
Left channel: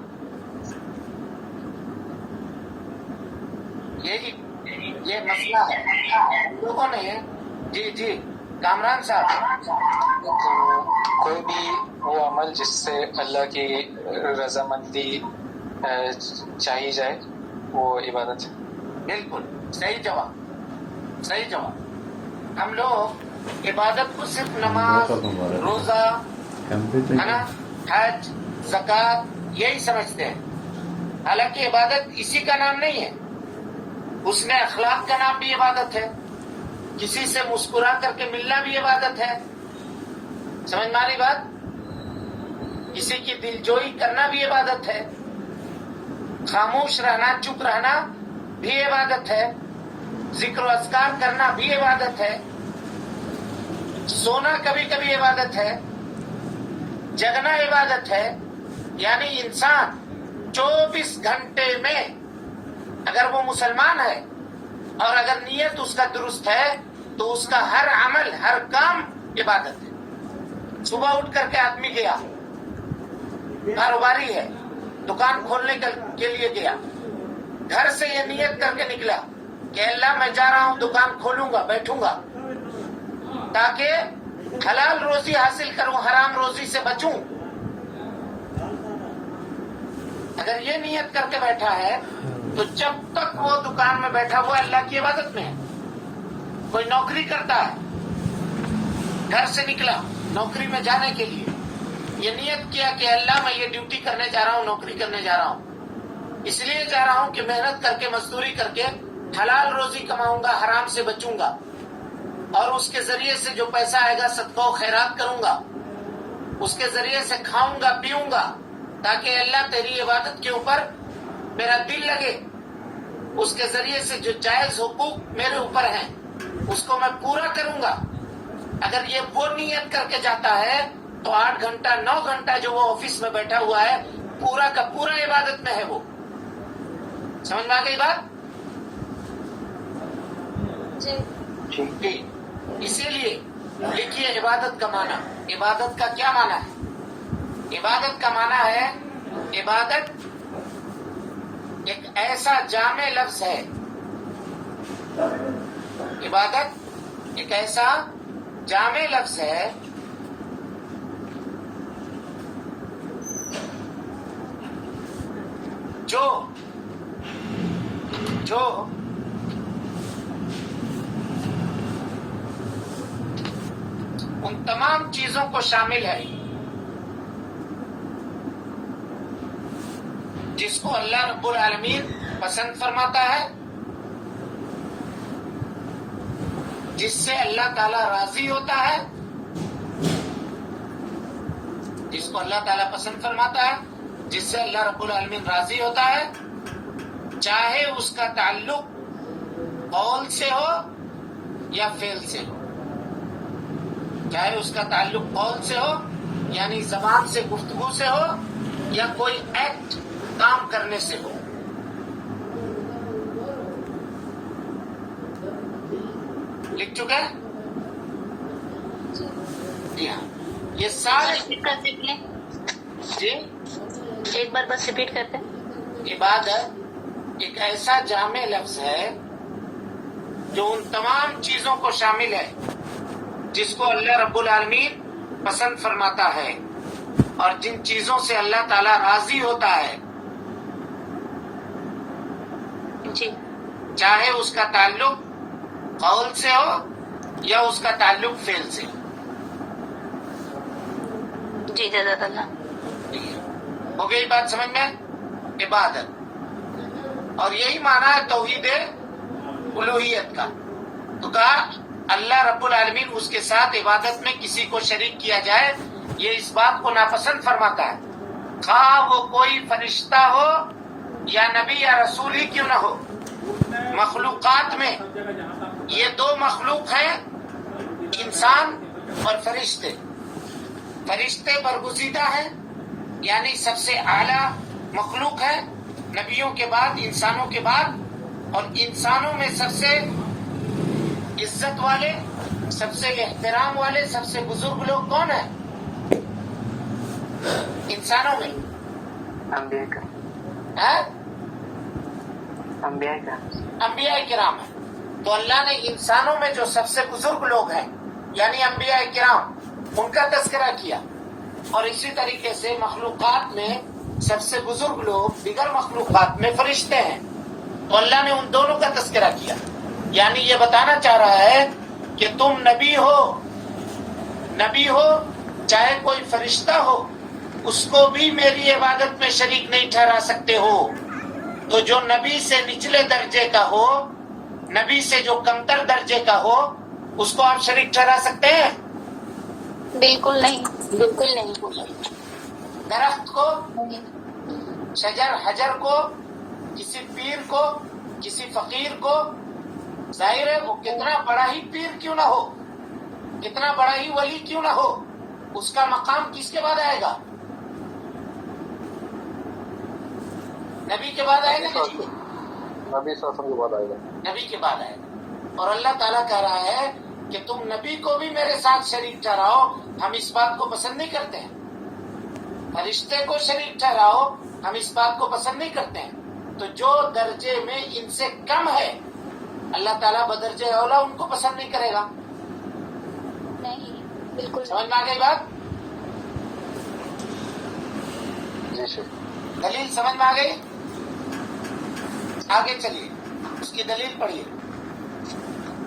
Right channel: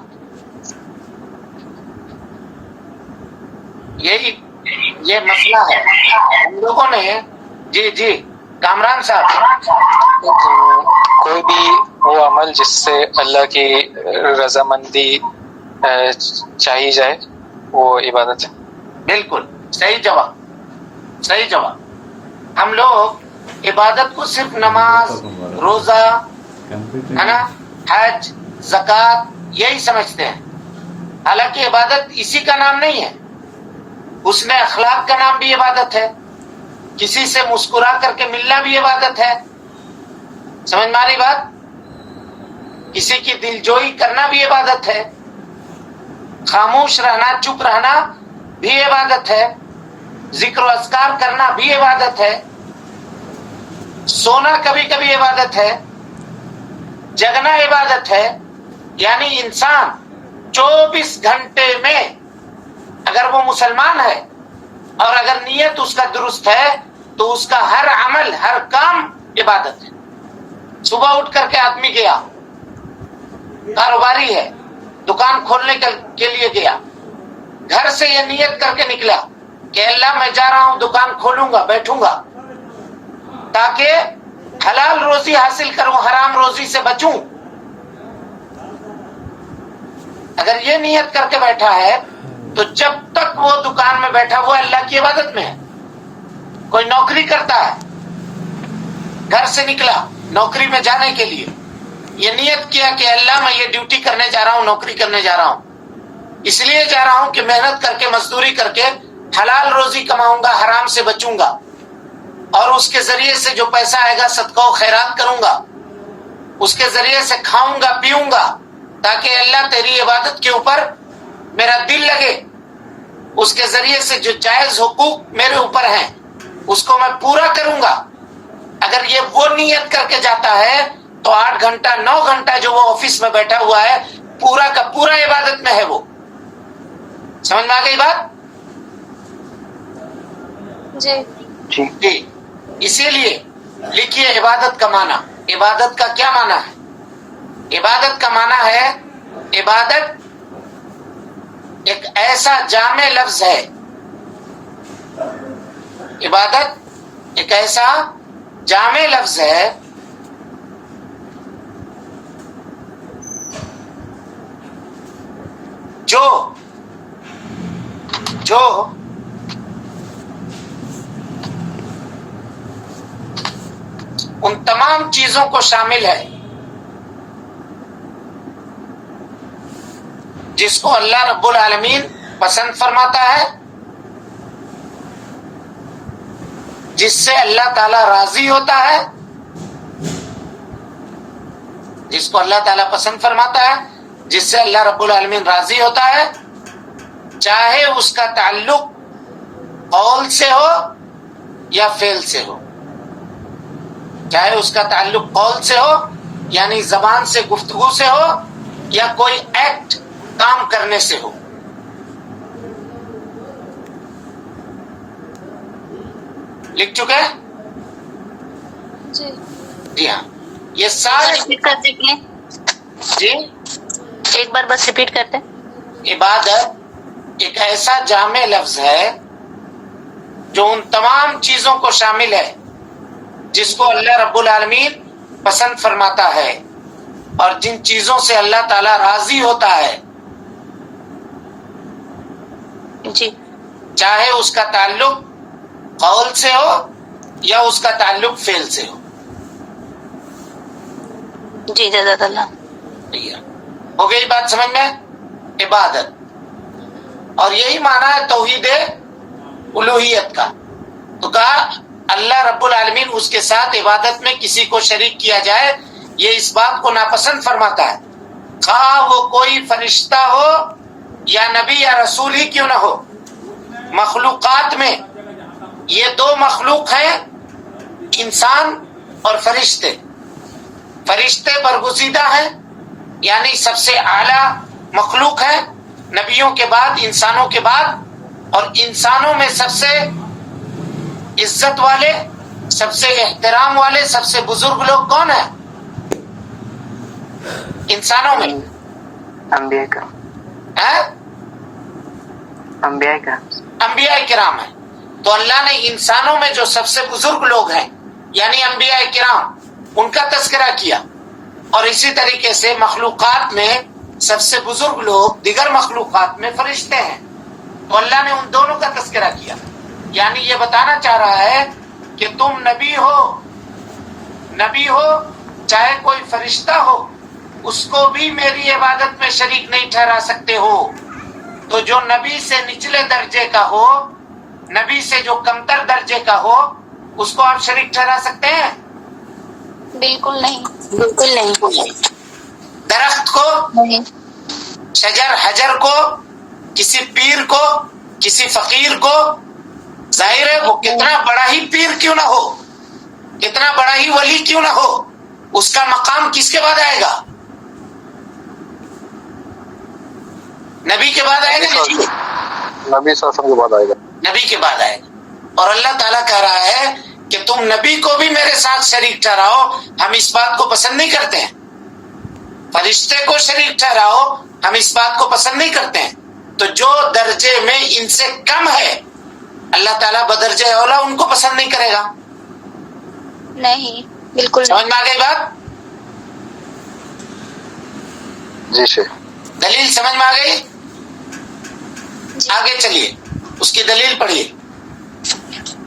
یہی یہ مسئلہ ہے ہم لوگوں نے۔ جی جی کامران صاحب، کوئی بھی وہ عمل جس سے اللہ کی رضامندی چاہی جائے وہ عبادت ہے۔ بالکل صحیح جواب، صحیح جواب۔ ہم لوگ عبادت کو صرف نماز، روزہ، ہے نا، حج، زکوٰۃ یہی سمجھتے ہیں، حالانکہ عبادت اسی کا نام نہیں ہے، اس میں اخلاق کا نام بھی عبادت ہے، کسی سے مسکرا کر کے ملنا بھی عبادت ہے، سمجھ میں آ رہی بات؟ کسی کی دلجوئی کرنا بھی عبادت ہے، خاموش رہنا، چپ رہنا بھی عبادت ہے، ذکر و اذکار کرنا بھی عبادت ہے، سونا کبھی کبھی عبادت ہے، جگنا عبادت ہے۔ یعنی انسان 24 گھنٹے میں اگر وہ مسلمان ہے اور اگر نیت اس کا درست ہے تو اس کا ہر عمل ہر کام عبادت ہے. صبح اٹھ کر کے آدمی گیا, کاروباری ہے, دکان کھولنے کے لیے گیا, گھر سے یہ نیت کر کے نکلا کہ اللہ میں جا رہا ہوں دکان کھولوں گا, بیٹھوں گا تاکہ حلال روزی حاصل کروں, حرام روزی سے بچوں. اگر یہ نیت کر کے بیٹھا ہے تو جب تک وہ دکان میں بیٹھا وہ اللہ کی عبادت میں ہے. کوئی نوکری کرتا ہے, گھر سے نکلا نوکری میں جانے کے لیے, یہ نیت کیا کہ اللہ میں یہ ڈیوٹی کرنے جا رہا ہوں, نوکری کرنے جا رہا ہوں, اس لیے جا رہا ہوں کہ محنت کر کے مزدوری کر کے حلال روزی کماؤں گا, حرام سے بچوں گا, اور اس کے ذریعے سے جو پیسہ آئے گا صدقہ و خیرات کروں گا, اس کے ذریعے سے کھاؤں گا پیوں گا تاکہ اللہ تیری عبادت کے اوپر میرا دل لگے, اس کے ذریعے سے جو جائز حقوق میرے اوپر ہیں اس کو میں پورا کروں گا. اگر یہ وہ نیت کر کے جاتا ہے تو 8 گھنٹہ 9 گھنٹہ جو وہ آفس میں بیٹھا ہوا ہے پورا کا پورا عبادت میں ہے. وہ سمجھ میں آ گئی بات؟ جی جی. اسی لیے لکھیے عبادت کا معنی. عبادت کا کیا معنی ہے؟ عبادت کا معنی ہے, عبادت ایک ایسا جامع لفظ ہے, عبادت ایک ایسا جامع لفظ ہے جو ان تمام چیزوں کو شامل ہے جس کو اللہ رب العالمین پسند فرماتا ہے, جس سے اللہ تعالی راضی ہوتا ہے, جس کو اللہ تعالیٰ پسند فرماتا ہے, جس سے اللہ رب العالمین راضی ہوتا ہے, چاہے اس کا تعلق قول سے ہو یا فعل سے ہو. چاہے اس کا تعلق قول سے ہو یعنی زبان سے گفتگو سے ہو یا کوئی ایکٹ کام کرنے سے ہو. لکھ چکے؟ جی ہاں. یہ سارے ریپیٹ کرتے ہیں, جی ایک بار بس ریپیٹ کرتے ہیں. عبادت ایک ایسا جامع لفظ ہے جو ان تمام چیزوں کو شامل ہے جس کو اللہ رب العالمین پسند فرماتا ہے اور جن چیزوں سے اللہ تعالی راضی ہوتا ہے, جی, چاہے اس کا تعلق قول سے ہو یا اس کا تعلق فعل سے ہو. جی جزاک اللہ. ہو گئی بات سمجھ میں؟ عبادت, اور یہی معنی ہے توحید الوہیت کا. تو کہا اللہ رب العالمین اس کے ساتھ عبادت میں کسی کو شریک کیا جائے یہ اس بات کو ناپسند فرماتا ہے, کہا وہ کوئی فرشتہ ہو یا نبی یا رسول ہی کیوں نہ ہو. مخلوقات میں یہ 2 مخلوق ہیں, انسان اور فرشتے. فرشتے برگزیدہ ہیں یعنی سب سے اعلیٰ مخلوق ہیں نبیوں کے بعد, انسانوں کے بعد, اور انسانوں میں سب سے عزت والے, سب سے احترام والے, سب سے بزرگ لوگ کون ہیں انسانوں میں؟ انبیاء کا, انبیاء کا, انبیاء کرام ہیں. تو اللہ نے انسانوں میں جو سب سے بزرگ لوگ ہیں یعنی انبیاء کرام ان کا تذکرہ کیا, اور اسی طریقے سے مخلوقات میں سب سے بزرگ لوگ دیگر مخلوقات میں فرشتے ہیں. تو اللہ نے ان دونوں کا تذکرہ کیا, یعنی یہ بتانا چاہ رہا ہے کہ تم نبی ہو چاہے کوئی فرشتہ ہو, اس کو بھی میری عبادت میں شریک نہیں ٹھہرا سکتے ہو. تو جو نبی سے نچلے درجے کا ہو, نبی سے جو کمتر درجے کا ہو, اس کو آپ شریک ٹھہرا سکتے ہیں؟ بالکل نہیں, بالکل نہیں. درخت کو, شجر حجر کو, کسی پیر کو, کسی فقیر کو, ظاہر ہے وہ کتنا بڑا ہی پیر کیوں نہ ہو, کتنا بڑا ہی ولی کیوں نہ ہو, اس کا مقام کس کے بعد آئے گا؟ نبی کے بعد آئے گا. نبی صلی اللہ علیہ وسلم کے بعد آئے گا. نبی کے بعد آئے گا. اور اللہ تعالیٰ کہہ رہا ہے کہ تم نبی کو بھی میرے ساتھ شریک ٹھہراؤ، ہم اس بات کو پسند نہیں کرتے ہیں. فرشتے کو شریک ٹھہراؤ، ہم اس بات کو پسند نہیں کرتے ہیں. تو جو درجے میں ان سے کم ہے اللہ تعالیٰ بدرجہ اولا ان کو پسند نہیں کرے گا. نہیں بالکل سمجھ میں آ گئی بات؟ جی شیخ. دلیل سمجھ میں آ گئی؟ آگے چلیے، اس کی دلیل پڑھیے.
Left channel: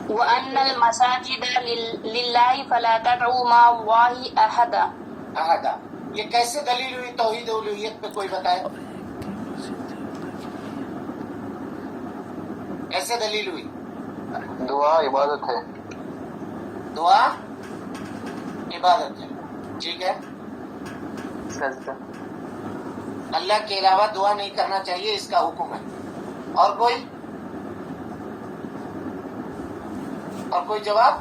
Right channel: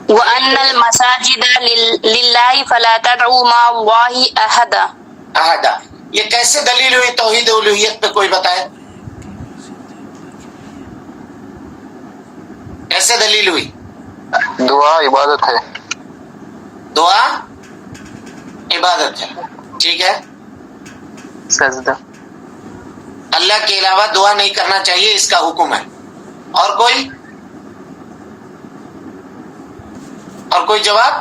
وَأَنَّ الْمَسَاجِدَ لِلَّهِ فَلَا تَدْعُوا مَعَ اللَّهِ أَحَدًا. احدہ، یہ کیسے دلیل ہوئی توحید الوہیت پہ؟ کوئی بتائے کیسے دلیل ہوئی؟ دعا عبادت ہے. دعا عبادت ہے، ٹھیک ہے. سجدہ. اللہ کے علاوہ دعا نہیں کرنا چاہیے، اس کا حکم ہے. اور کوئی جواب؟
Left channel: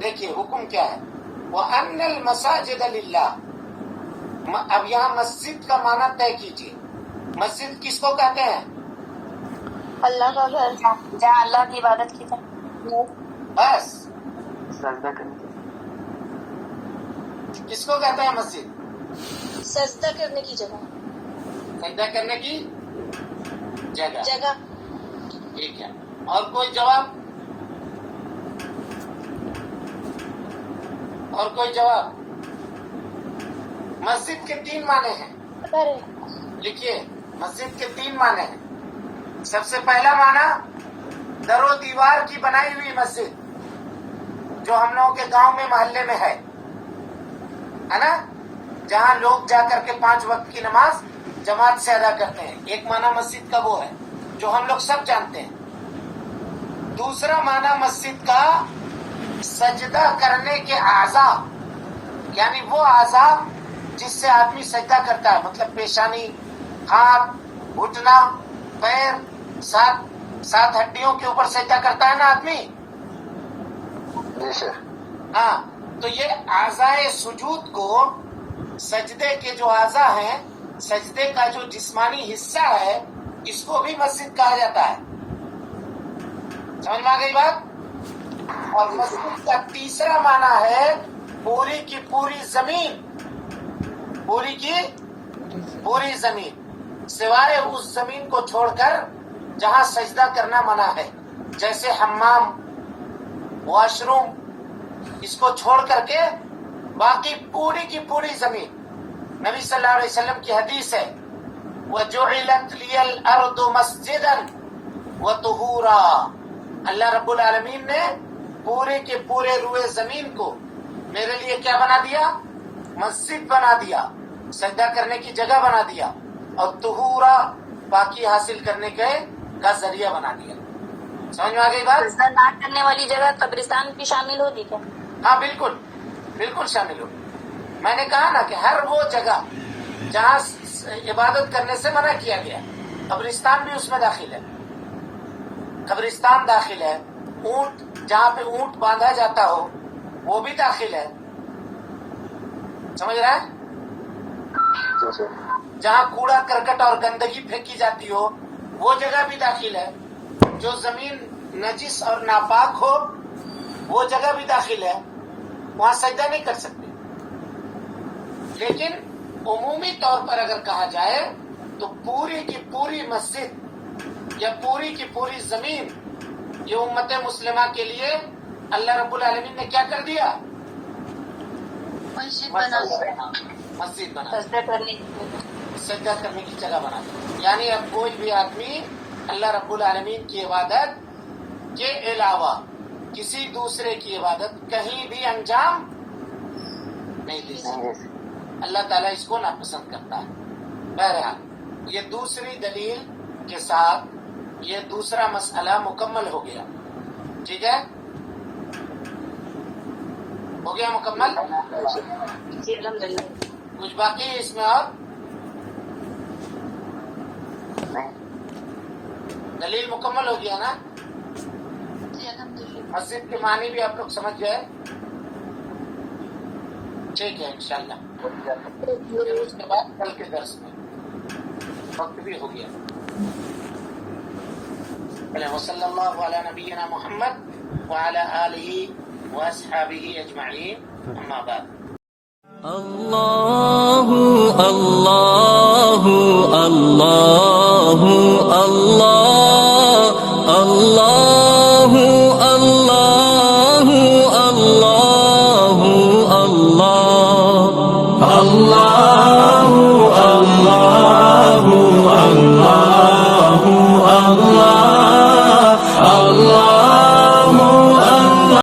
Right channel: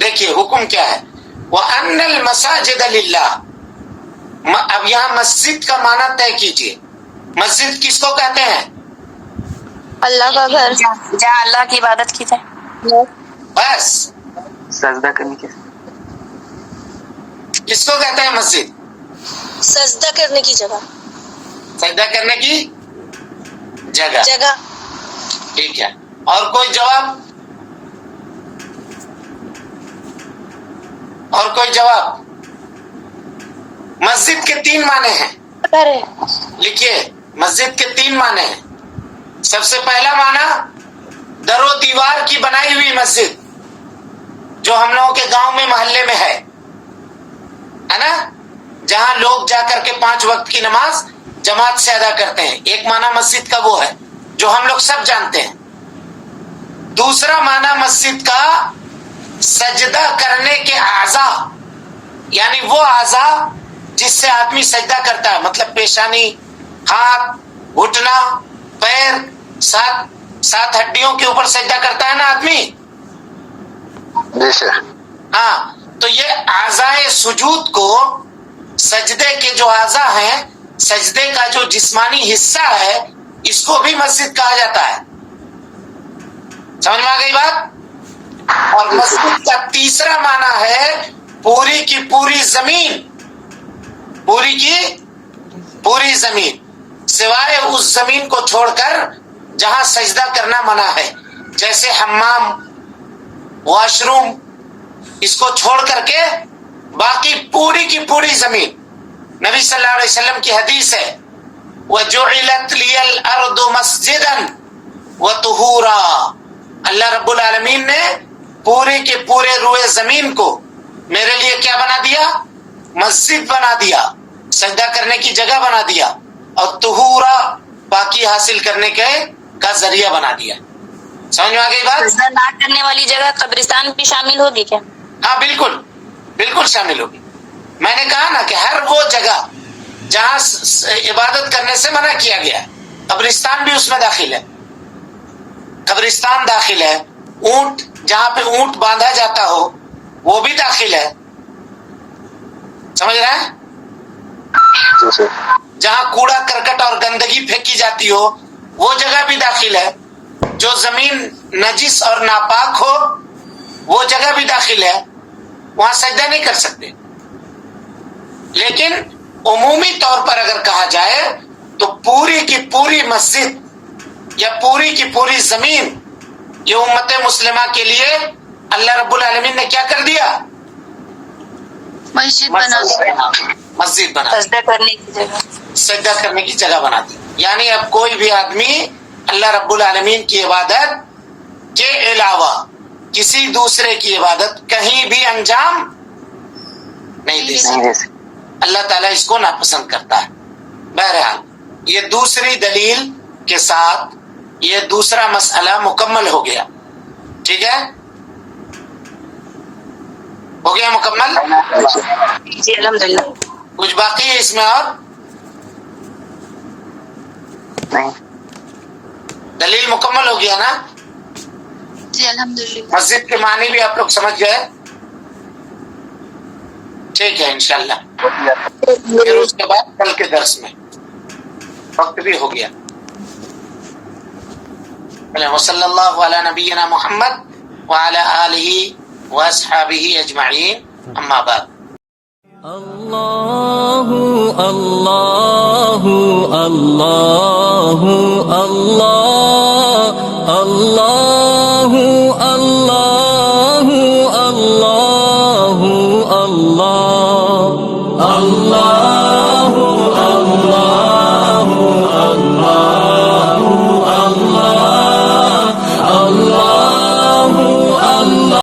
دیکھیے حکم کیا ہے. وَأَنَّ الْمَسَاجِدَ لِلَّهِ. اب یہاں مسجد کا معنی طے کیجیے. مسجد کس کو کہتے ہیں؟ اللہ کا گھر، جہاں اللہ کی عبادت کی جائے. بس. سجدہ کرنے کی. کس کو کہتے ہیں مسجد؟ سجدہ کرنے کی جگہ. سجدہ کرنے کی جگہ. ٹھیک ہے. اور کوئی جواب؟ اور کوئی جواب؟ مسجد کے 3 معنی ہیں. لکھیے، مسجد کے 3 معنی ہیں. سب سے پہلا معنی در و دیوار کی بنائی ہوئی مسجد، جو ہم لوگوں کے گاؤں میں محلے میں ہے نا، جہاں لوگ جا کر کے 5 وقت کی نماز جماعت سے ادا کرتے ہیں. ایک معنی مسجد کا وہ ہے جو ہم لوگ سب جانتے ہیں. دوسرا معنی مسجد کا سجدہ کرنے کے اعضاء، یعنی وہ اعضاء جس سے آدمی سجدہ کرتا ہے، مطلب پیشانی، ہاتھ، گھٹنا، پیر، 7 ہڈیوں کے اوپر سجدہ کرتا ہے نا آدمی. جی شیخ. ہاں، تو یہ اعضاء سجود کو، سجدے کے جو اعضاء ہیں، سجدے کا جو جسمانی حصہ ہے، اس کو بھی مسجد کہا جاتا ہے. سمجھ میں آ گئی بات؟ اور مسجد کا تیسرا معنی ہے پوری کی پوری زمین. پوری کی پوری زمین، سوائے اس زمین کو چھوڑ کر جہاں سجدہ کرنا منع ہے، جیسے حمام، واش روم، اس کو چھوڑ کر کے باقی پوری کی پوری زمین. نبی صلی اللہ علیہ وسلم کی حدیث ہے وَجُعِلَتْ لِيَ الْأَرْضُ مَسْجِدًا وَطُهُورًا. اللہ رب العالمین نے پورے کے پورے روئے زمین کو میرے لیے کیا بنا دیا؟ مسجد بنا دیا، سجدہ کرنے کی جگہ بنا دیا، اور طہورا، پاکی حاصل کرنے کا ذریعہ بنا دیا. سمجھ میں آ گئی بات؟ سجدہ نہ کرنے والی جگہ قبرستان بھی شامل ہوگی کیا؟ ہاں بالکل، بالکل شامل ہوگی. میں نے کہا نا کہ ہر وہ جگہ جہاں عبادت کرنے سے منع کیا گیا ہے، قبرستان بھی اس میں داخل ہے. قبرستان داخل ہے، اونٹ، جہاں پہ اونٹ باندھا جاتا ہو وہ بھی داخل ہے. سمجھ رہے ہیں؟ جی شیخ. جہاں کوڑا کرکٹ اور گندگی پھینکی جاتی ہو وہ جگہ بھی داخل ہے. جو زمین نجس اور ناپاک ہو وہ جگہ بھی داخل ہے، وہاں سجدہ نہیں کر سکتے. لیکن عمومی طور پر اگر کہا جائے تو پوری کی پوری مسجد یا پوری کی پوری زمین یہ امت مسلمہ کے لیے اللہ رب العالمین نے کیا کر دیا؟ مسجد بنا دیا. مسجد بنا دی، سجدہ کرنے کی جگہ. سجدہ کرنے کی جگہ بنا دی. یعنی اب کوئی بھی آدمی اللہ رب العالمین کی عبادت کے علاوہ کسی دوسرے کی عبادت کہیں بھی انجام نہیں دے سکتا. اللہ تعالیٰ اس کو ناپسند کرتا ہے. بہرحال یہ دوسری دلیل کے ساتھ یہ دوسرا مسئلہ مکمل ہو گیا. ٹھیک ہے، ہو گیا مکمل. جی الحمدللہ. کچھ باقی ہے اس میں اور؟ نہیں. دلیل مکمل ہو گیا نا؟ جی الحمدللہ. مسجد کے معنی بھی آپ لوگ سمجھ گئے؟ ٹھیک ہے انشاءاللہ. پھر اس کے بعد کل کے درس میں وقت بھی ہو گیا. وصلی اللہ علی نبینا محمد وعلی آلہ واصحابہ اجمعین، اما بعد۔ اللہ اللہ اللہ اللہ اللہ اللہ